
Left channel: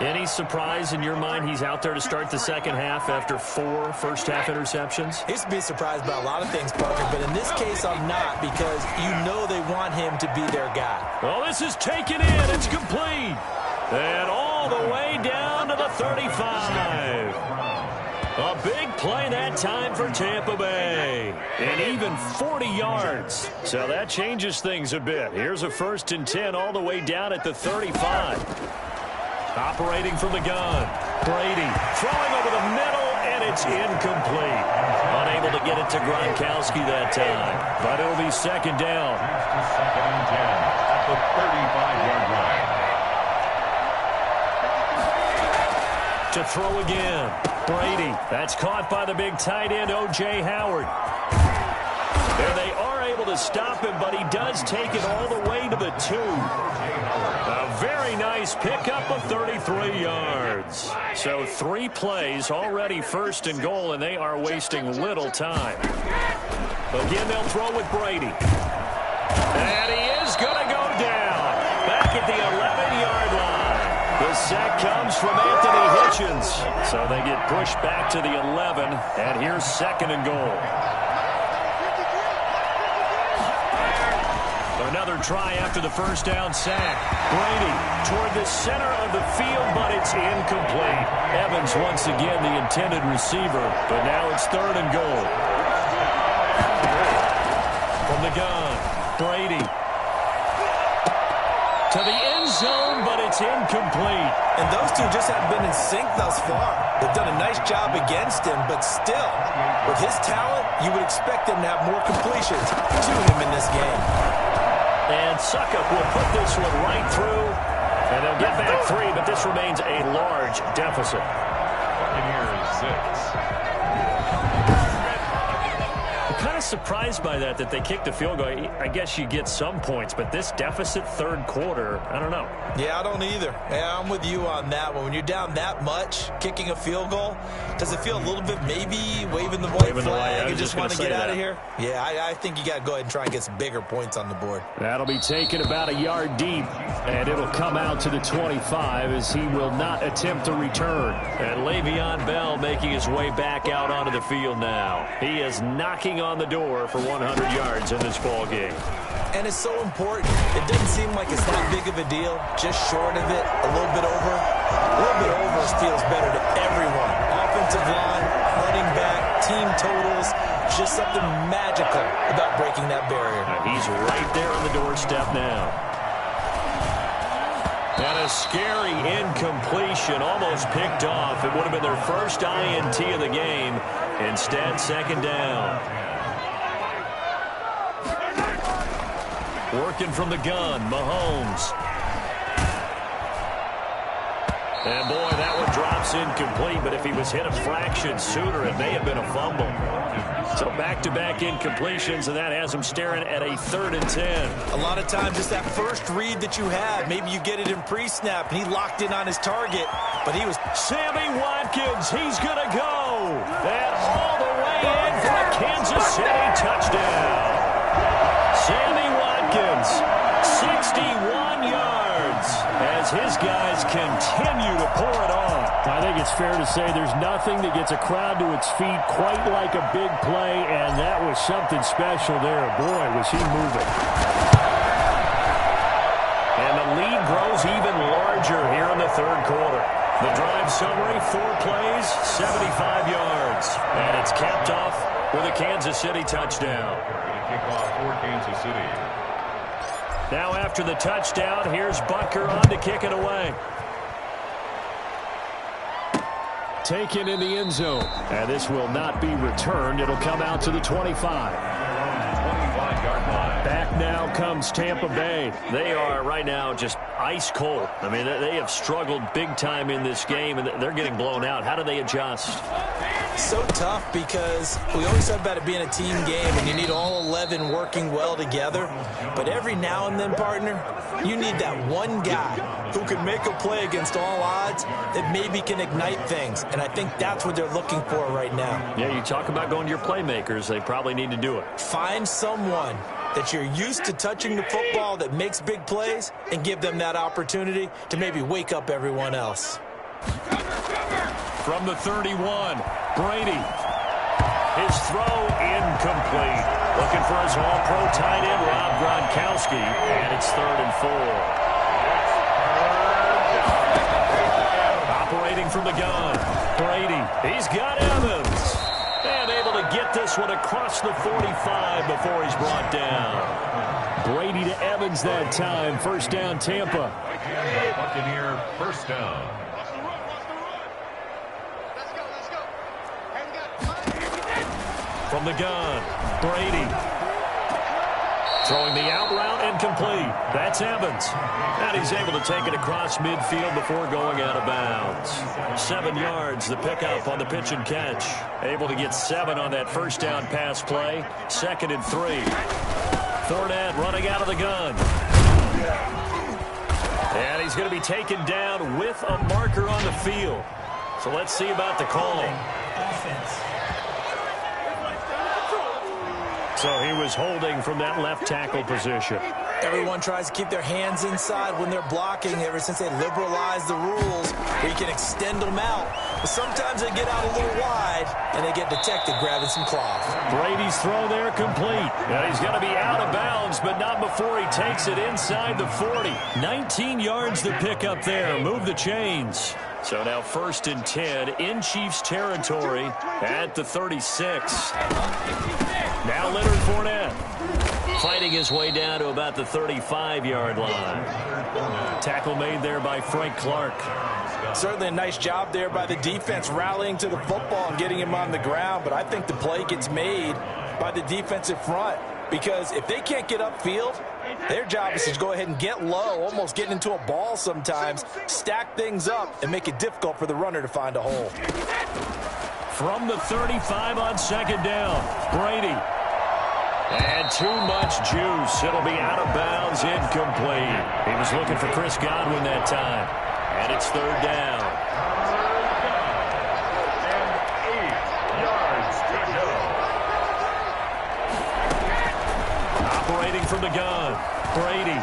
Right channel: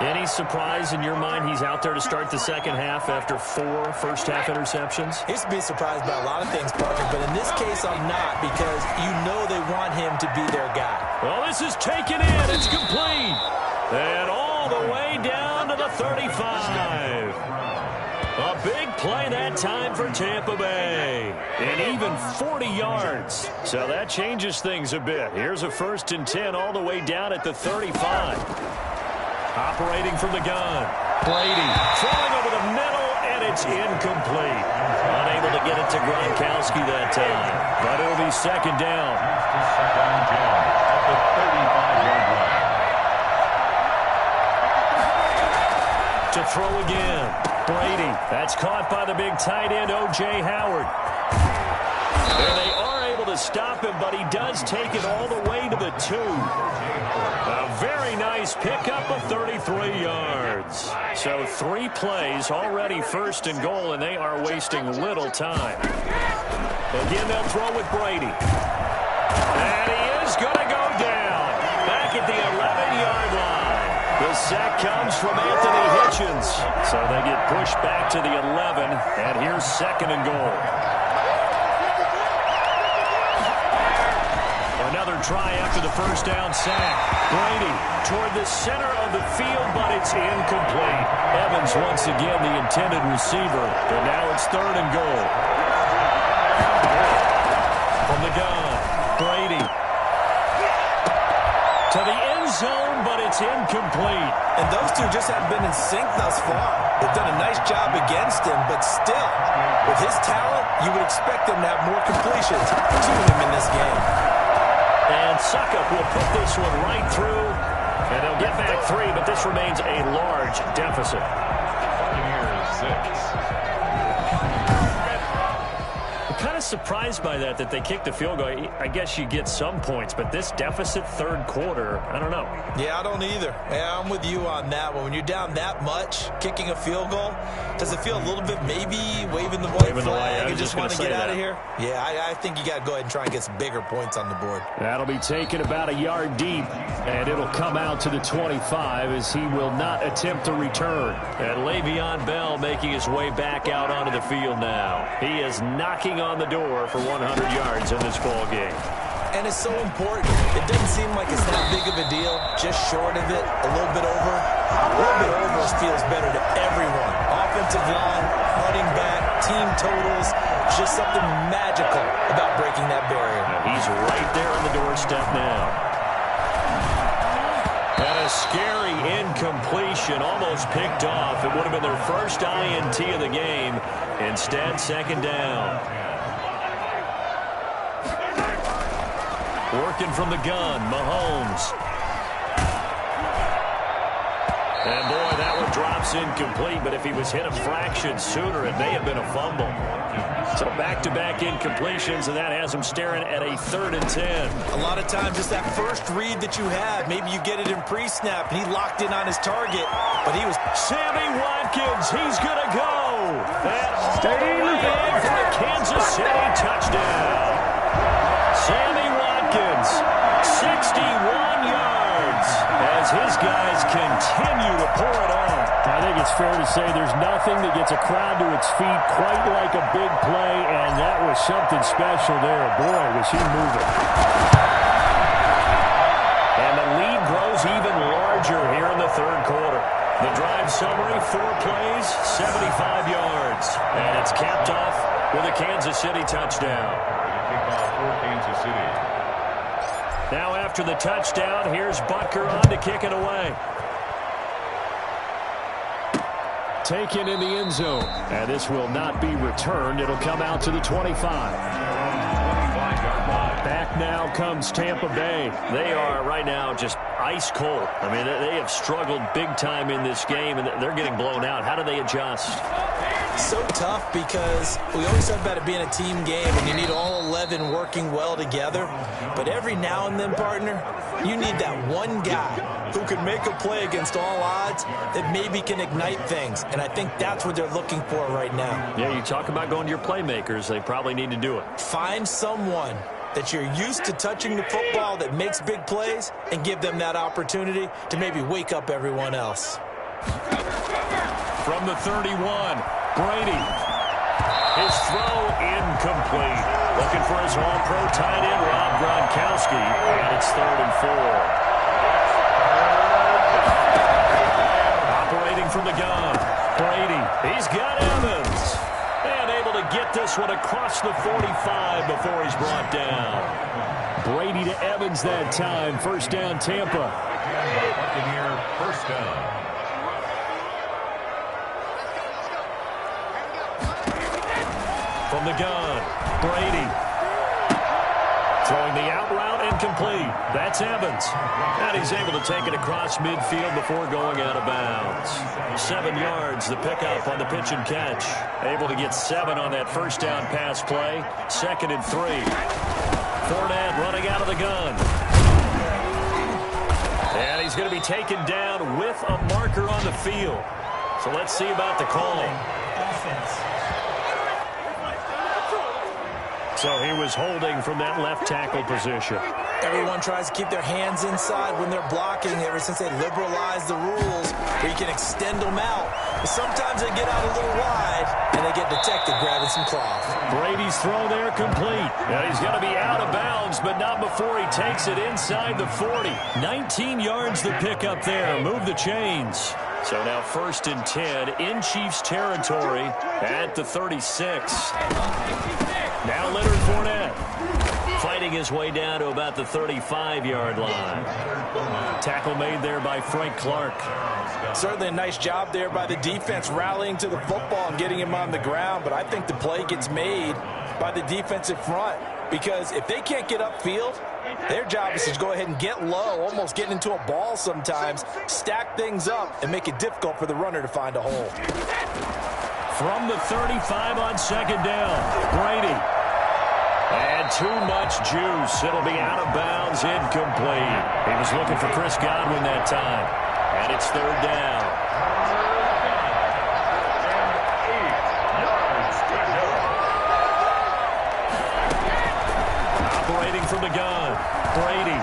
Any surprise in your mind he's out there to start the second half after 4 first-half interceptions? He used to be surprised by a lot of things, Parker, but in this case I'm not, because you know they want him to be their guy. Well, this is taken in. It's complete. And all the way down to the 35. A big play that time for Tampa Bay. And even 40 yards. So that changes things a bit. Here's a 1st and 10 all the way down at the 35. Operating from the gun. Brady throwing over the middle, and it's incomplete. Unable to get it to Gronkowski that time. But it'll be second down. Second and 10 at the 35-yard line. To throw again. Brady. That's caught by the big tight end, O.J. Howard. And they are able to stop him, but he does take it all the way to the 2. A very nice pickup of 33 yards. So 3 plays, already 1st and goal, and they are wasting little time. Again, they'll throw with Brady. And he is going to go down. Back at the 11-yard line. The sack comes from Anthony Hitchens. So they get pushed back to the 11, and here's 2nd and goal. Another try after the first down sack. Brady toward the center of the field, but it's incomplete. Evans once again the intended receiver, but now it's 3rd and goal. From the gun, Brady. To the end zone, but it's incomplete. And those two just haven't been in sync thus far. They've done a nice job against him, but still, with his talent, you would expect them to have more completions to him in this game. And Succop will put this one right through, and they'll get back 3, but this remains a large deficit. Buccaneers 6. Kind of surprised by that they kicked the field goal. I guess you get some points, but this deficit third quarter, I don't know. Yeah, I don't either. Yeah, I'm with you on that one. When you're down that much, kicking a field goal, does it feel a little bit maybe waving the white flag and just want to get out of here? Yeah, I think you got to go ahead and try and get some bigger points on the board. That'll be taken about a yard deep, and it'll come out to the 25 as he will not attempt to return. And Le'Veon Bell making his way back out onto the field now. He is knocking on the door for 100 yards in this ball game. And it's so important. It doesn't seem like it's that big of a deal. Just short of it, a little bit over. A little bit over feels better to everyone. Offensive line, running back, team totals. Just something magical about breaking that barrier. And he's right there on the doorstep now. And a scary incompletion, almost picked off. It would have been their first INT of the game. Instead, second down. Working from the gun, Mahomes. And boy, that one drops incomplete, but if he was hit a fraction sooner, it may have been a fumble. So back-to-back incompletions, and that has him staring at a 3rd and 10. A lot of times, just that first read that you have, maybe you get it in pre-snap, and he locked in on his target, but he was... Sammy Watkins, he's going to go. And all the way in for a Kansas City touchdown. Sammy Watkins, 61 yards, as his guys continue to pour it on. I think it's fair to say there's nothing that gets a crowd to its feet quite like a big play, and that was something special there. Boy, was he moving. And the lead grows even larger here in the third quarter. The drive summary, 4 plays, 75 yards. And it's capped off with a Kansas City touchdown. Kickoff for Kansas City. Now after the touchdown, here's Butker on to kick it away. Taken in the end zone. And this will not be returned. It'll come out to the 25. 25-yard line. Back now comes Tampa Bay. They are right now just ice cold. I mean, they have struggled big time in this game, and they're getting blown out. How do they adjust? So tough because we always talk about it being a team game and you need all 11 working well together. But every now and then, partner, you need that one guy who can make a play against all odds that maybe can ignite things. And I think that's what they're looking for right now. Yeah, you talk about going to your playmakers. They probably need to do it. Find someone that you're used to touching the football that makes big plays and give them that opportunity to maybe wake up everyone else. From the 31, Brady. His throw incomplete. Looking for his all-pro tight end, Rob Gronkowski. And it's 3rd and 4. Operating from the gun, Brady. He's got Evans. And able to get this one across the 45 before he's brought down. Brady to Evans that time. First down, Tampa. Buccaneer first down. From the gun, Brady. Throwing the out route incomplete. That's Evans. And he's able to take it across midfield before going out of bounds. 7 yards, the pickup on the pitch and catch. Able to get 7 on that first down pass play. 2nd and 3. Fournette running out of the gun. And he's going to be taken down with a marker on the field. So let's see about the call. So he was holding from that left tackle position. Everyone tries to keep their hands inside when they're blocking ever since they liberalized the rules where you can extend them out. But sometimes they get out a little wide and they get detected grabbing some cloth. Brady's throw there complete. And he's going to be out of bounds, but not before he takes it inside the 40. 19 yards to pick up there. Move the chains. So now 1st and 10 in Chiefs territory at the 36. Now Leonard Fournette fighting his way down to about the 35-yard line. Tackle made there by Frank Clark. Certainly a nice job there by the defense rallying to the football and getting him on the ground, but I think the play gets made by the defensive front because if they can't get upfield, their job is to go ahead and get low, almost get into a ball sometimes, stack things up, and make it difficult for the runner to find a hole. From the 35 on 2nd down, Brady. And too much juice. It'll be out of bounds, incomplete. He was looking for Chris Godwin that time. And it's 3rd down. And 8 yards to go. Operating from the gun, Brady.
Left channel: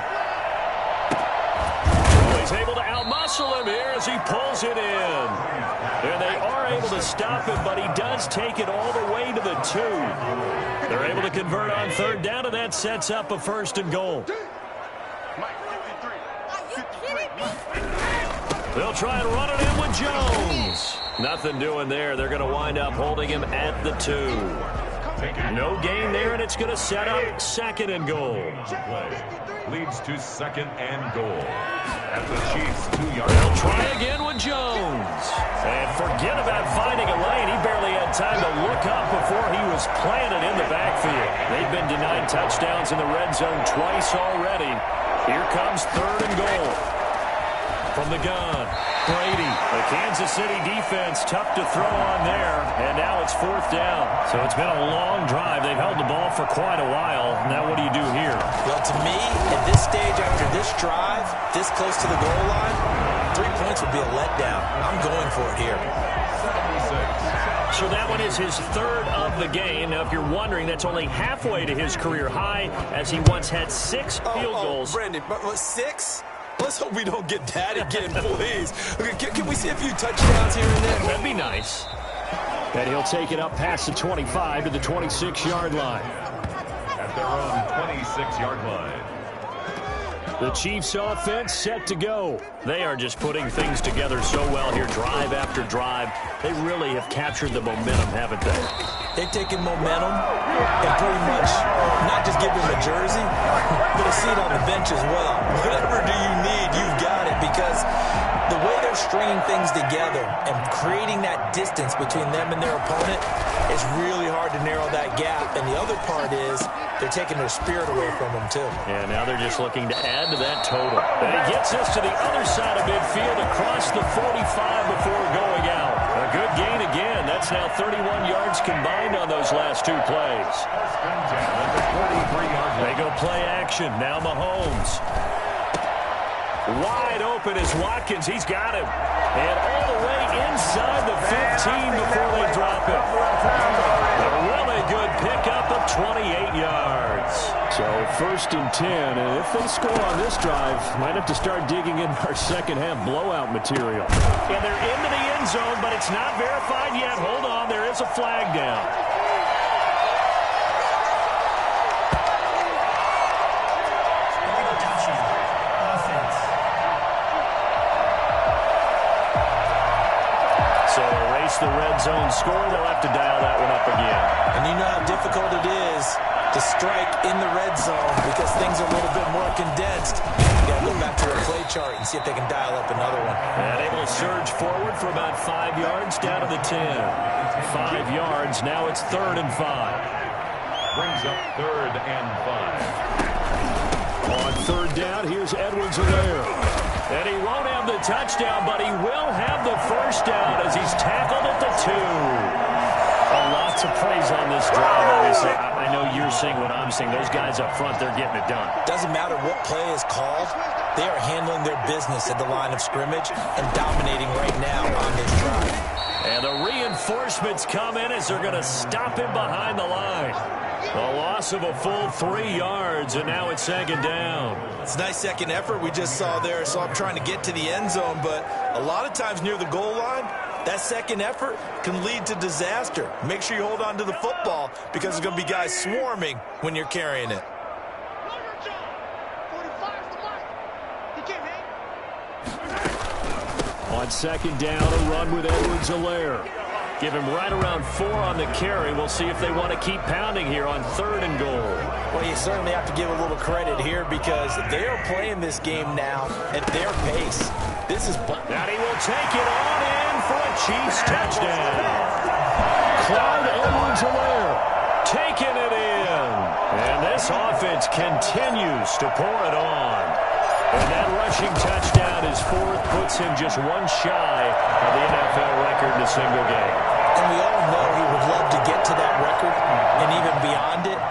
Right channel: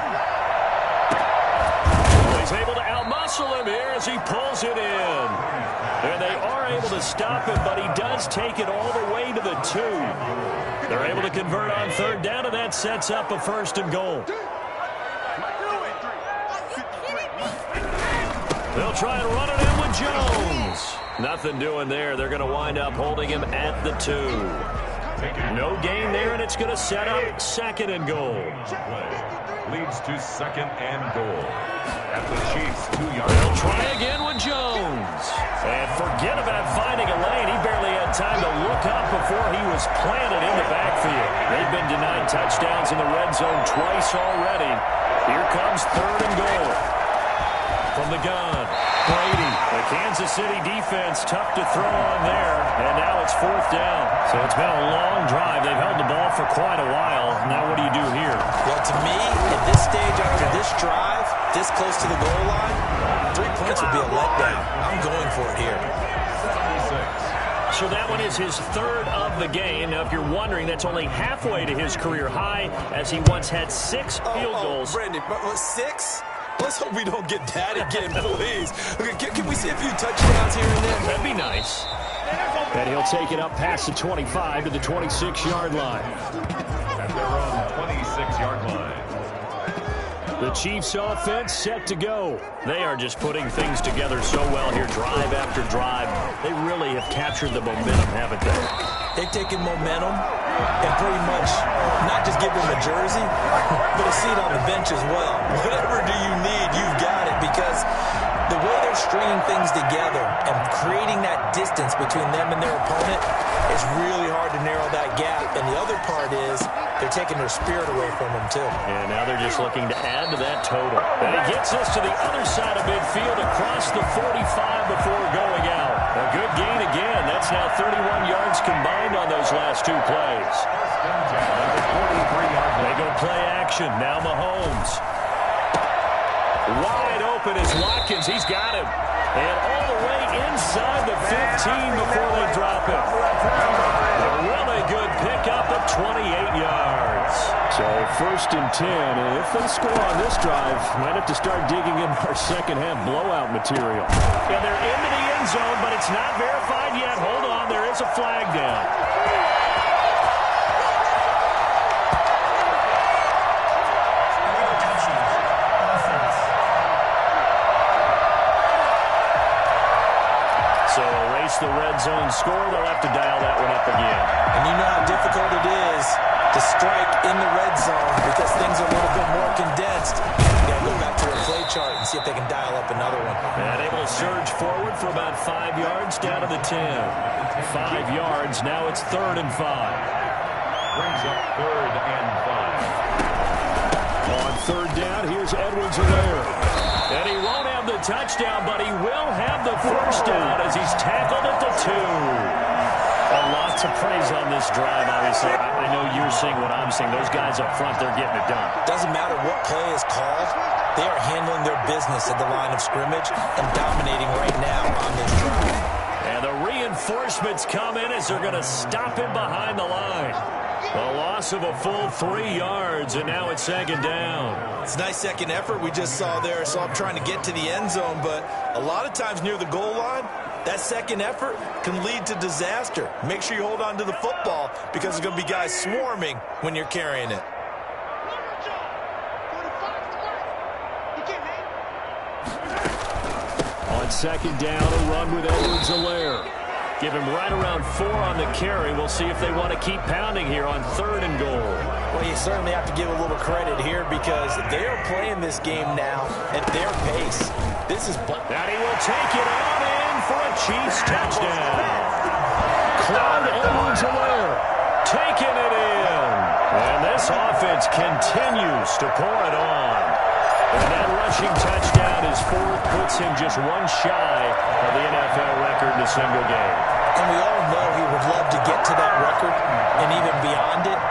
Oh, he's able to outmuscle him here as he pulls it in. And they are able to stop him, but he does take it all the way to the 2. They're able to convert on 3rd down, and that sets up a 1st and goal. They'll try and run it in with Jones. Nothing doing there. They're going to wind up holding him at the 2. No gain there, and it's going to set up 2nd and goal. Leads to 2nd and goal. At the Chiefs' 2-yard They'll try again with Jones. And forget about finding a lane. He barely had time to look up before he was planted in the backfield. They've been denied touchdowns in the red zone twice already. Here comes 3rd and goal. From the gun, Brady. The Kansas City defense tough to throw on there. And now it's 4th down. So it's been a long drive. They've held the ball for quite a while. Now what do you do here? Well, to me, at this stage after this drive, this close to the goal line, 3 points would be a letdown. I'm going for it here. 76. So that one is his 3rd of the game. Now, if you're wondering, that's only halfway to his career high, as he once had 6 field goals. Brandon, but 6? Let's hope we don't get that again, please. Okay, can we see a few touchdowns here and there? That'd be nice. And he'll take it up past the 25 to the 26-yard line. At their own 26-yard line. The Chiefs offense set to go. They are just putting things together so well here, drive after drive. They really have captured the momentum, haven't they? They've taken momentum and pretty much not just give them a jersey, but a seat on the bench as well. Whatever do you need, you've got it, because the way they're stringing things together and creating that distance between them and their opponent, it's really hard to narrow that gap. And the other part is they're taking their spirit away from them, too. And now they're just looking to add to that total. And he gets this to the other side of midfield across the 45 before going out. A good gain again. That's now 31 yards combined on those last 2 plays. They go play action. Now Mahomes. Wide open is Watkins. He's got him. And all the way inside the 15 before they drop him. A really good pickup of 28 yards. So 1st and 10, and if they score on this drive, might have to start digging in our second-half blowout material. And they're into the end zone, but it's not verified yet. Hold on, there is a flag down. So erase the red zone score. They'll have to dial that one up again. And you know how difficult it is to strike in the red zone because things are a little bit more condensed. You got to go back to their play chart and see if they can dial up another one. And able to surge forward for about 5 yards down to the 10. 5 yards. Now it's 3rd and 5. Brings up 3rd and 5. On 3rd down, here's Edwards-Helaire. And he won't have the touchdown, but he will have the 1st down as he's tackled at the 2. Lots of praise on this drive, obviously. I know you're seeing what I'm seeing. Those guys up front, they're getting it done. Doesn't matter what play is called. They are handling their business at the line of scrimmage and dominating right now on this drive. And the reinforcements come in as they're going to stop him behind the line. A loss of a full 3 yards, and now it's 2nd down. It's a nice second effort we just saw there. So I'm trying to get to the end zone, but a lot of times near the goal line, that second effort can lead to disaster. Make sure you hold on to the football because there's going to be guys swarming when you're carrying it. On On second down, a run with Edwards-Helaire. Give him right around 4 on the carry. We'll see if they want to keep pounding here on 3rd and goal. Well, you certainly have to give a little credit here because they are playing this game now at their pace. This is... And he will take it on in for a Chiefs touchdown. Clyde Edwards-Helaire taking it in. And this offense continues to pour it on. And that rushing touchdown is 4th, puts him just 1 shy of the NFL record in a single game. And we all know he would love to get to that record and even beyond it,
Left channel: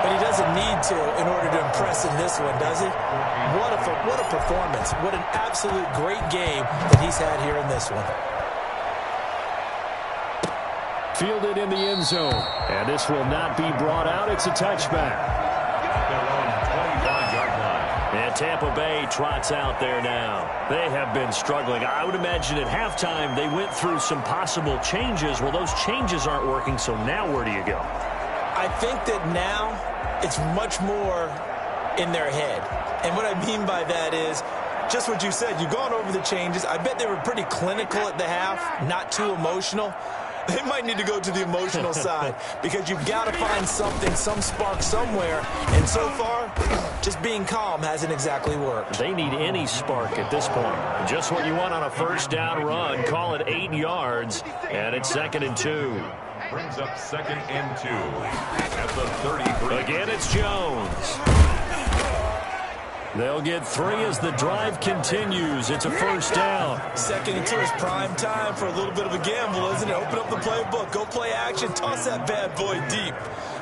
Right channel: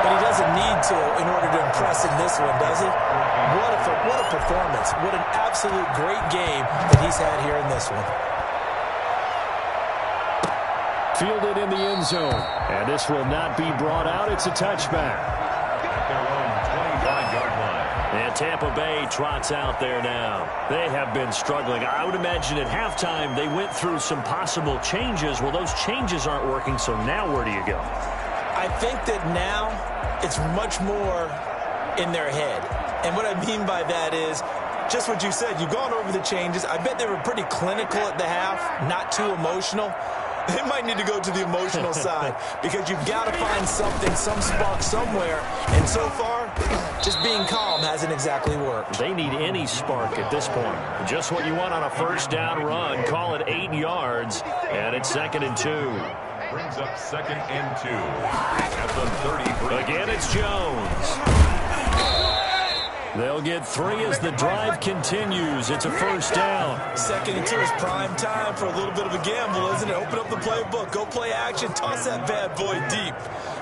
but he doesn't need to in order to impress in this one, does he? What a performance. What an absolute great game that he's had here in this one. Fielded in the end zone. And this will not be brought out. It's a touchback. At their own 25-yard line. And Tampa Bay trots out there now. They have been struggling. I would imagine at halftime they went through some possible changes. Well, those changes aren't working, so now where do you go? I think that now it's much more in their head. And what I mean by that is just what you said. You've gone over the changes. I bet they were pretty clinical at the half, not too emotional. They might need to go to the emotional side because you've got to find something, some spark somewhere. And so far, just being calm hasn't exactly worked. They need any spark at this point. Just what you want on a 1st down run. Call it 8 yards, and it's 2nd and 2. Brings up 2nd and 2 at the 33. Again, it's Jones. They'll get 3 as the drive continues. It's a 1st down. 2nd and 2 is prime time for a little bit of a gamble, isn't it? Open up the playbook, go play action, toss that bad boy deep.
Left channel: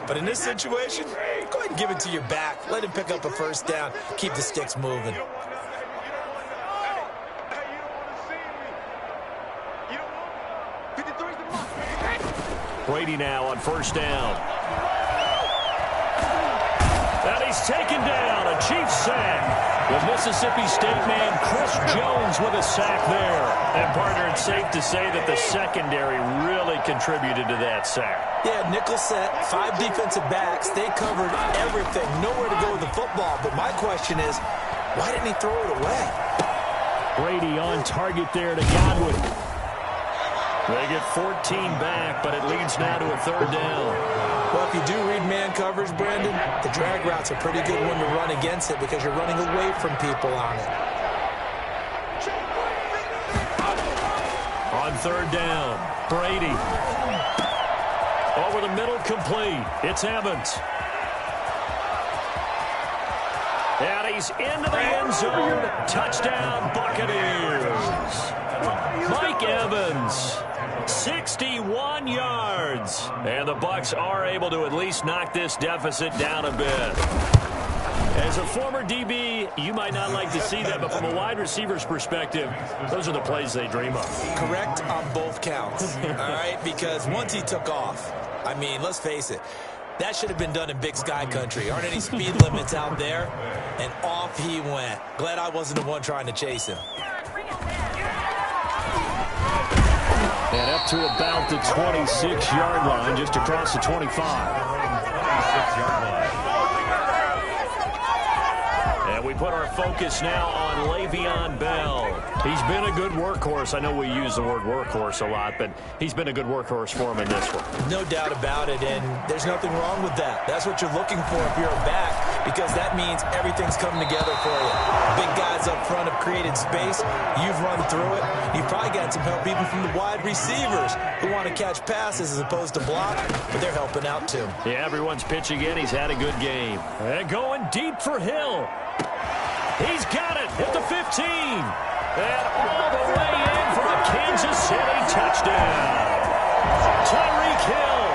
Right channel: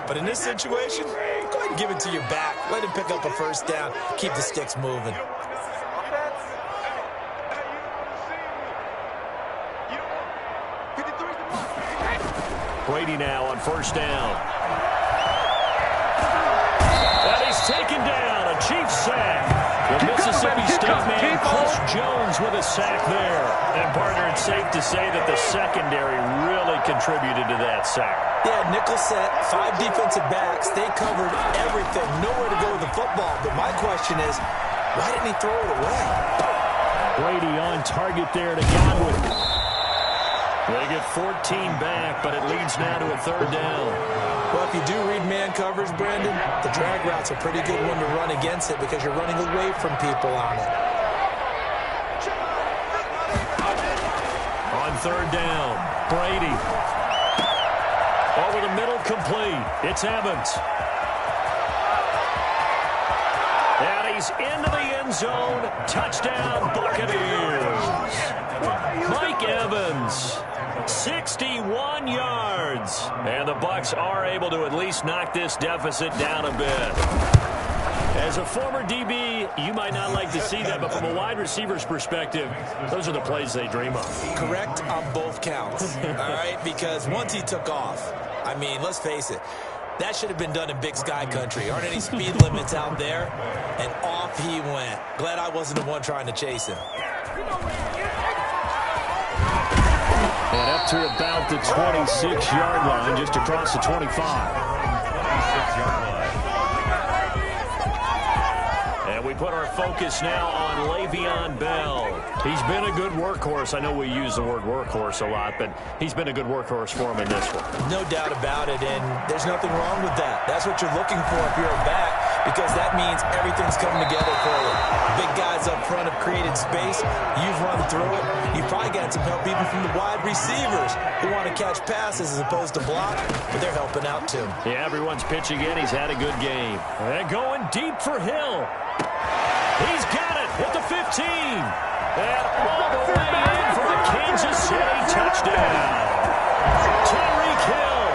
But in this situation, go ahead and give it to your back. Let him pick up a 1st down. Keep the sticks moving. Brady now on 1st down. And he's taken down, a Chiefs sack. The Mississippi State man, Chris Jones, with a sack there. And, partner, it's safe to say that the secondary really contributed to that sack. Yeah, nickel set, 5 defensive backs. They covered everything. Nowhere to go with the football. But my question is, why didn't he throw it away? Brady on target there to Godwin. They get 14 back, but it leads now to a 3rd down. Well, if you do read man coverage, Brandon, the drag route's a pretty good one to run against it because you're running away from people on it. On 3rd down, Brady. Over the middle, complete. It's Evans. And he's into the end zone. Touchdown, Buccaneers. Mike Evans, 61 yards. And the Bucs are able to at least knock this deficit down a bit. As a former DB, you might not like to see that, but from a wide receiver's perspective, those are the plays they dream of. Correct on both counts, all right? Because once he took off, I mean, let's face it, that should have been done in Big Sky country. Aren't any speed limits out there? And off he went. Glad I wasn't the one trying to chase him. And up to about the 26-yard line, just across the 25. 26-yard line. And we put our focus now on Le'Veon Bell. He's been a good workhorse. I know we use the word workhorse a lot, but he's been a good workhorse for him in this one. No doubt about it, and there's nothing wrong with that. That's what you're looking for if you're a back, because that means everything's coming together for you. Big guys up front have created space. You've run through it. You've probably got some help even from the wide receivers who want to catch passes as opposed to block, but they're helping out too. Yeah, everyone's pitching in. He's had a good game. And going deep for Hill. He's got it at the 15. And all the way in for a Kansas City touchdown. Tyreek Hill,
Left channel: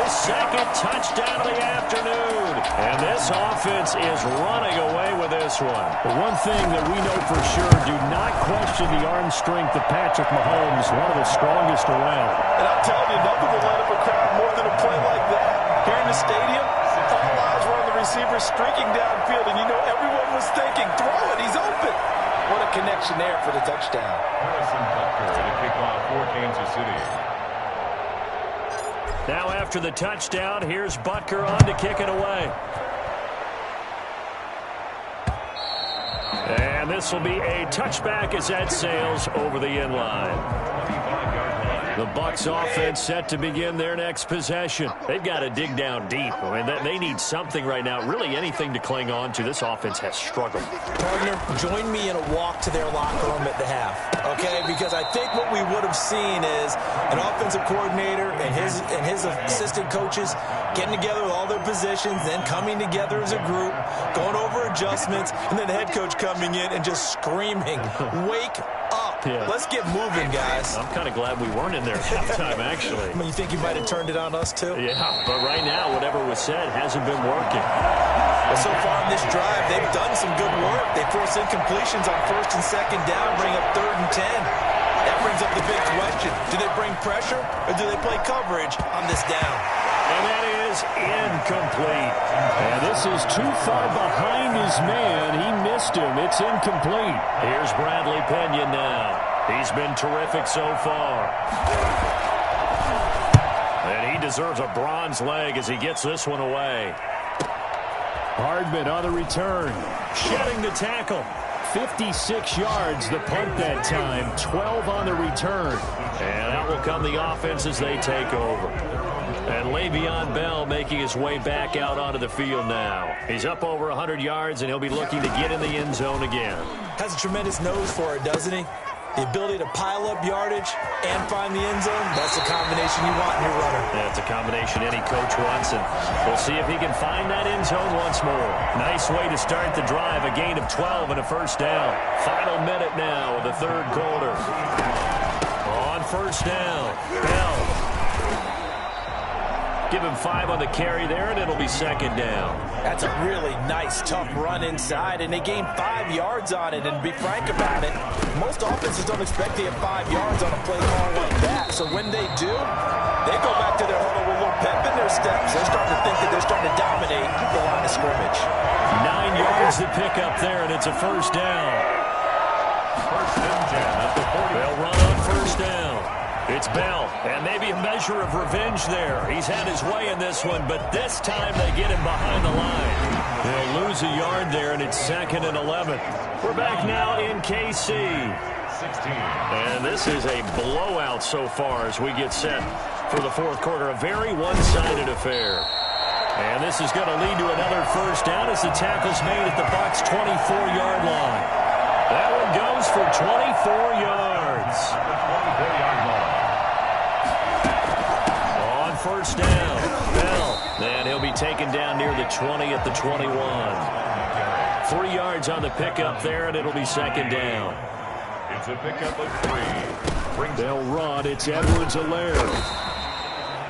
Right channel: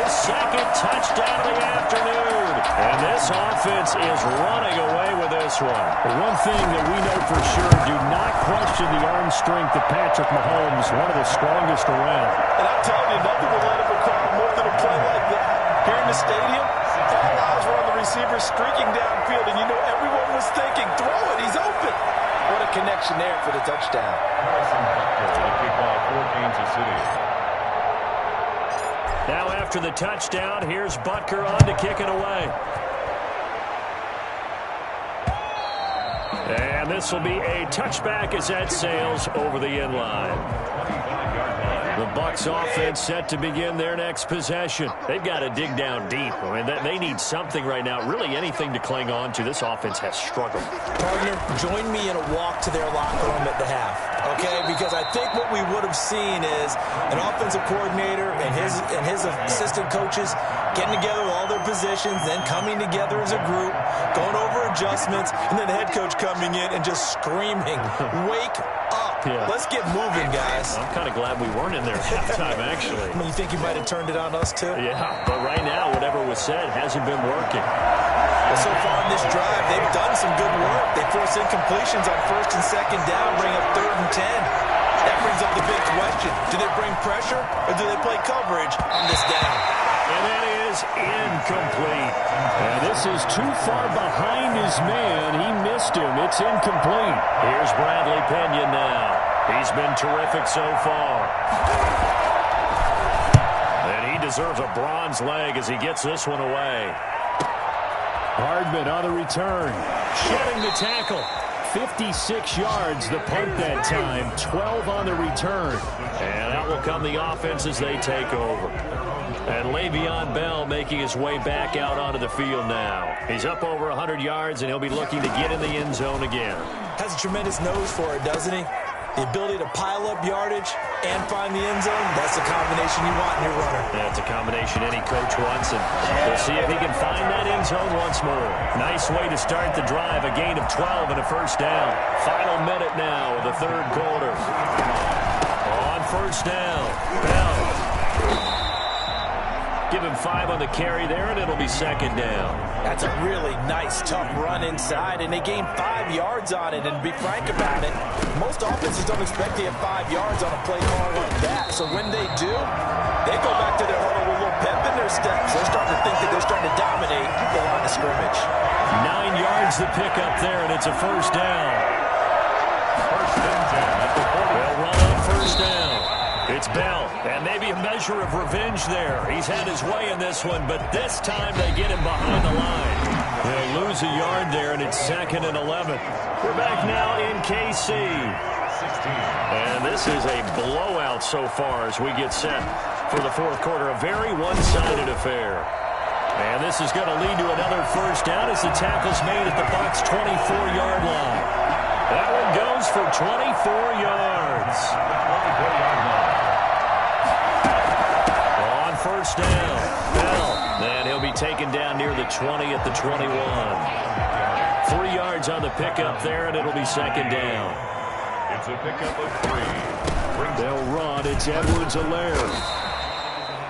his 2nd touchdown of the afternoon. And this offense is running away with this one. One thing that we know for sure, do not question the arm strength of Patrick Mahomes, one of the strongest around. And I'm telling you, nothing will light up a crowd more than a play like that. Here in the stadium, all eyes were on the receiver streaking downfield, and you know everyone was thinking, throw it, he's open. What a connection there for the touchdown. Harrison Butker to kick off for Kansas City. Now after the touchdown, here's Butker on to kick it away. And this will be a touchback as that sails over the end line. 25-yard line. The Bucs offense set to begin their next possession. They've got to dig down deep. I mean, they need something right now, really anything to cling on to. This offense has struggled. Partner, join me in a walk to their locker room at the half, okay? Because I think what we would have seen is an offensive coordinator and his assistant coaches getting together with all their positions, then coming together as a group, going over adjustments, and then the head coach coming in and just screaming, "Wake up. Yeah. Let's get moving, guys." I'm kind of glad we weren't in there at halftime, actually. I mean, you think you might have turned it on us, too? Yeah, but right now, whatever was said hasn't been working. Well, so far in this drive, they've done some good work. They force incompletions on 1st and 2nd down, bring up 3rd and 10. That brings up the big question. Do they bring pressure or do they play coverage on this down? And that is incomplete. And this is too far behind his man. He missed him. It's incomplete. Here's Bradley Pinion now. He's been terrific so far. And he deserves a bronze leg as he gets this one away. Hardman on the return. Shedding the tackle. 56 yards the punt that time. 12 on the return. And out will come the offense as they take over. And Le'Veon Bell making his way back out onto the field now. He's up over 100 yards, and he'll be looking to get in the end zone again. Has a tremendous nose for it, doesn't he? The ability to pile up yardage and find the end zone, that's the combination you want in your runner. That's a combination any coach wants, and we'll see if he can find that end zone once more. Nice way to start the drive, a gain of 12 and a first down. Final minute now of the 3rd quarter. On 1st down, Bell. Give him 5 on the carry there, and it'll be 2nd down. That's a really nice, tough run inside, and they gained 5 yards on it. And to be frank about it, most offenses don't expect to have 5 yards on a play call like that. So when they do, they go back to their huddle with a little pep in their steps. They're starting to think that they're starting to dominate the line of scrimmage. 9 yards to pick up there, and it's a first down. 1st and 10 at the 40. They'll run on 1st down. It's Bell, and maybe a measure of revenge there. He's had his way in this one, but this time they get him behind the line. They'll lose a yard there, and it's 2nd and 11. We're back now in KC. 16. And this is a blowout so far as we get set for the 4th quarter. A very one-sided affair. And this is going to lead to another first down as the tackle's made at the Bucs' 24-yard line. That one goes for 24 yards. The 24-yard line. On 1st down, Bell. And he'll be taken down near the 20 at the 21. 3 yards on the pickup there, and it'll be 2nd down. It's a pickup of 3. They'll run. It's Edwards-Helaire.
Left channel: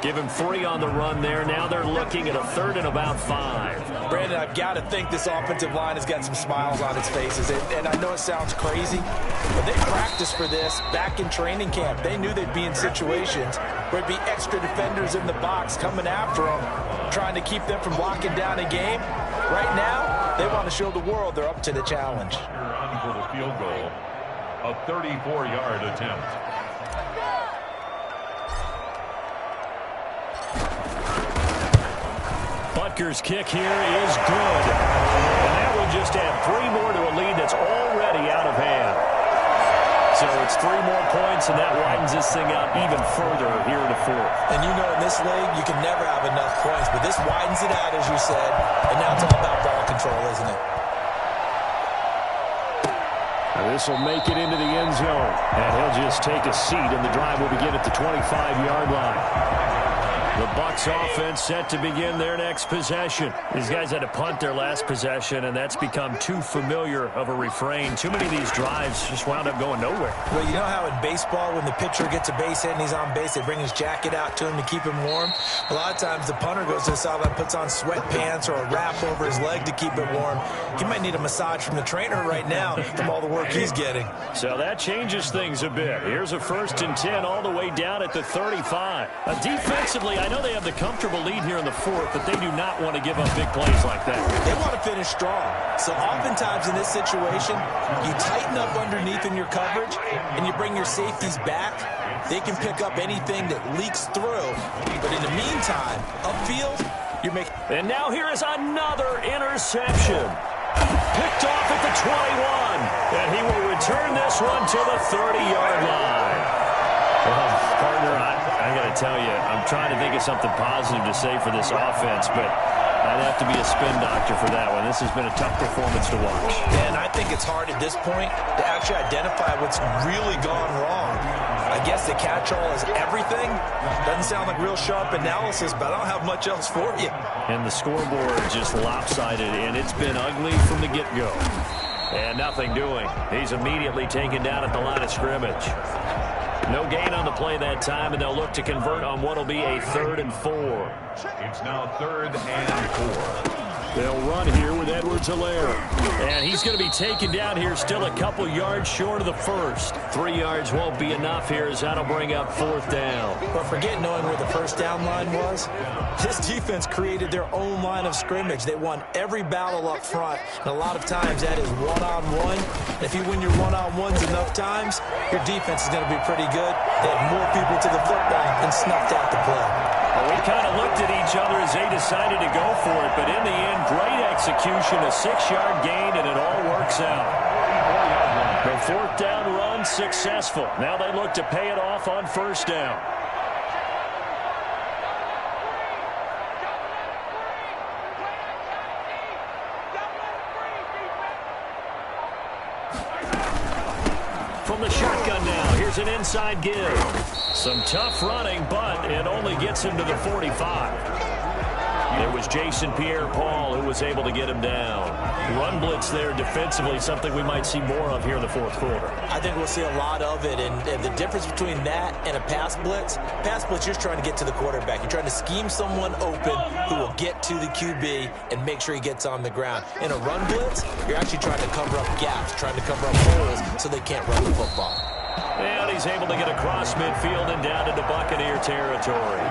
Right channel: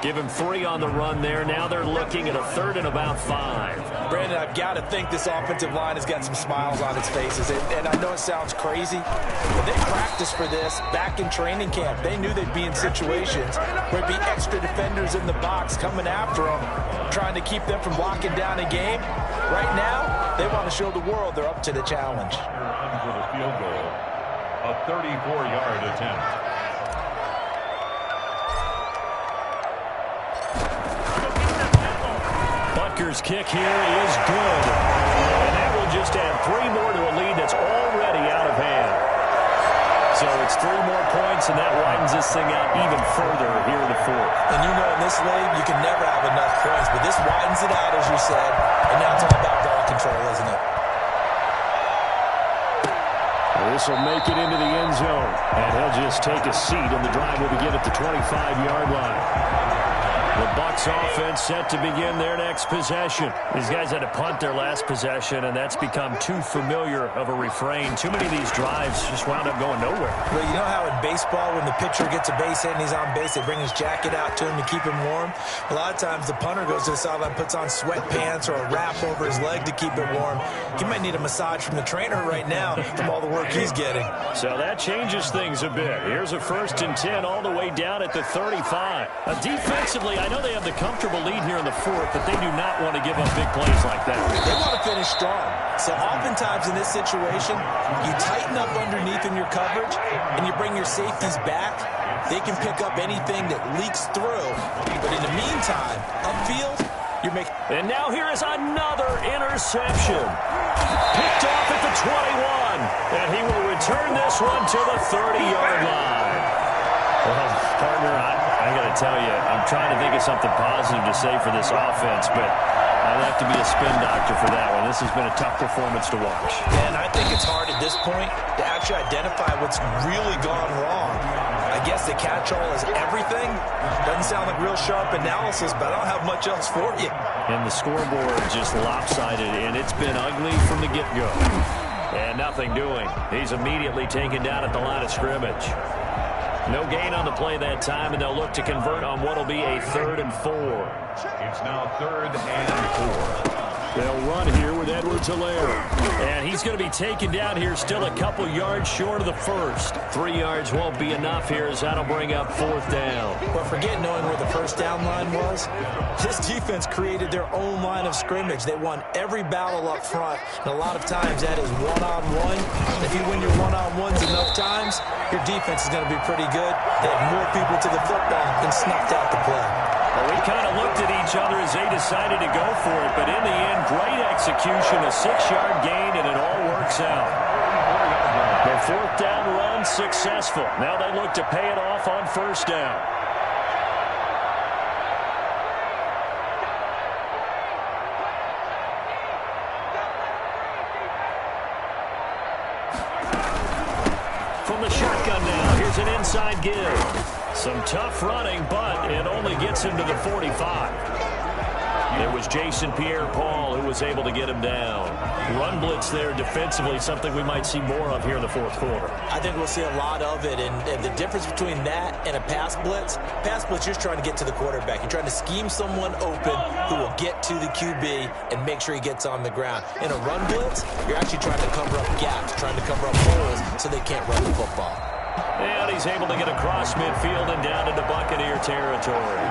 Give him 3 on the run there. Now they're looking at a 3rd and about 5. Brandon, I've got to think this offensive line has got some smiles on its faces. And I know it sounds crazy, but they practiced for this back in training camp. They knew they'd be in situations where it'd be extra defenders in the box coming after them, trying to keep them from locking down a game. Right now, they want to show the world they're up to the challenge. You're on for the field goal. A 34-yard attempt. Butker's kick here is good. And that will just add 3 more to a lead that's already out of hand. So it's 3 more points, and that widens this thing out even further here in the 4th. And you know in this league, you can never have enough points, but this widens it out, as you said, and now it's all about ball control, isn't it? This will make it into the end zone, and he'll just take a seat, and the drive will begin at the 25-yard line. The Bucs offense set to begin their next possession. These guys had to punt their last possession, and that's become too familiar of a refrain. Too many of these drives just wound up going nowhere. Well, you know how in baseball, when the pitcher gets a base hit and he's on base, they bring his jacket out to him to keep him warm? A lot of times the punter goes to the sideline, puts on sweatpants or a wrap over his leg to keep it warm. He might need a massage from the trainer right now from all the work he's getting. So that changes things a bit. Here's a 1st and 10 all the way down at the 35. Defensively, I know they have the comfortable lead here in the 4th, but they do not want to give up big plays like that. They want to finish strong. So oftentimes in this situation, you tighten up underneath in your coverage, and you bring your safeties back. They can pick up anything that leaks through. But in the meantime, upfield, you're making... And now here is another interception. Picked off at the 21. And he will return this one to the 30-yard line. Well, partner, I got to tell you, I'm trying to think of something positive to say for this offense, but I'd have to be a spin doctor for that one. This has been a tough performance to watch. And I think it's hard at this point to actually identify what's really gone wrong. I guess the catch-all is everything. Doesn't sound like real sharp analysis, but I don't have much else for you. And the scoreboard just lopsided, and it's been ugly from the get-go. And nothing doing. He's immediately taken down at the line of scrimmage. No gain on the play that time, and they'll look to convert on what will be a 3rd and 4. It's now 3rd and 4. They'll run here with Edwards-Helaire. And he's going to be taken down here still a couple yards short of the first. 3 yards won't be enough here as that'll bring up 4th down. But forget knowing where the first down line was. This defense created their own line of scrimmage. They won every battle up front, and a lot of times that is one-on-one. If you win your one-on-ones enough times, your defense is going to be pretty good. They had more people to the football and snuffed out the play. Well, we kind of looked at each other as they decided to go for it, but in the end, great execution, a 6-yard gain, and it all works out. The 4th down run successful. Now they look to pay it off on 1st down. From the shotgun now, here's an inside give. Some tough running, but it only gets him to the 45. It was Jason Pierre-Paul who was able to get him down. Run blitz there defensively, something we might see more of here in the 4th quarter. I think we'll see a lot of it, and the difference between that and a pass blitz, you're just trying to get to the quarterback. You're trying to scheme someone open who will get to the QB and make sure he gets on the ground. In a run blitz, you're actually trying to cover up gaps, trying to cover up holes so they can't run the football. And he's able to get across midfield and down into Buccaneer territory.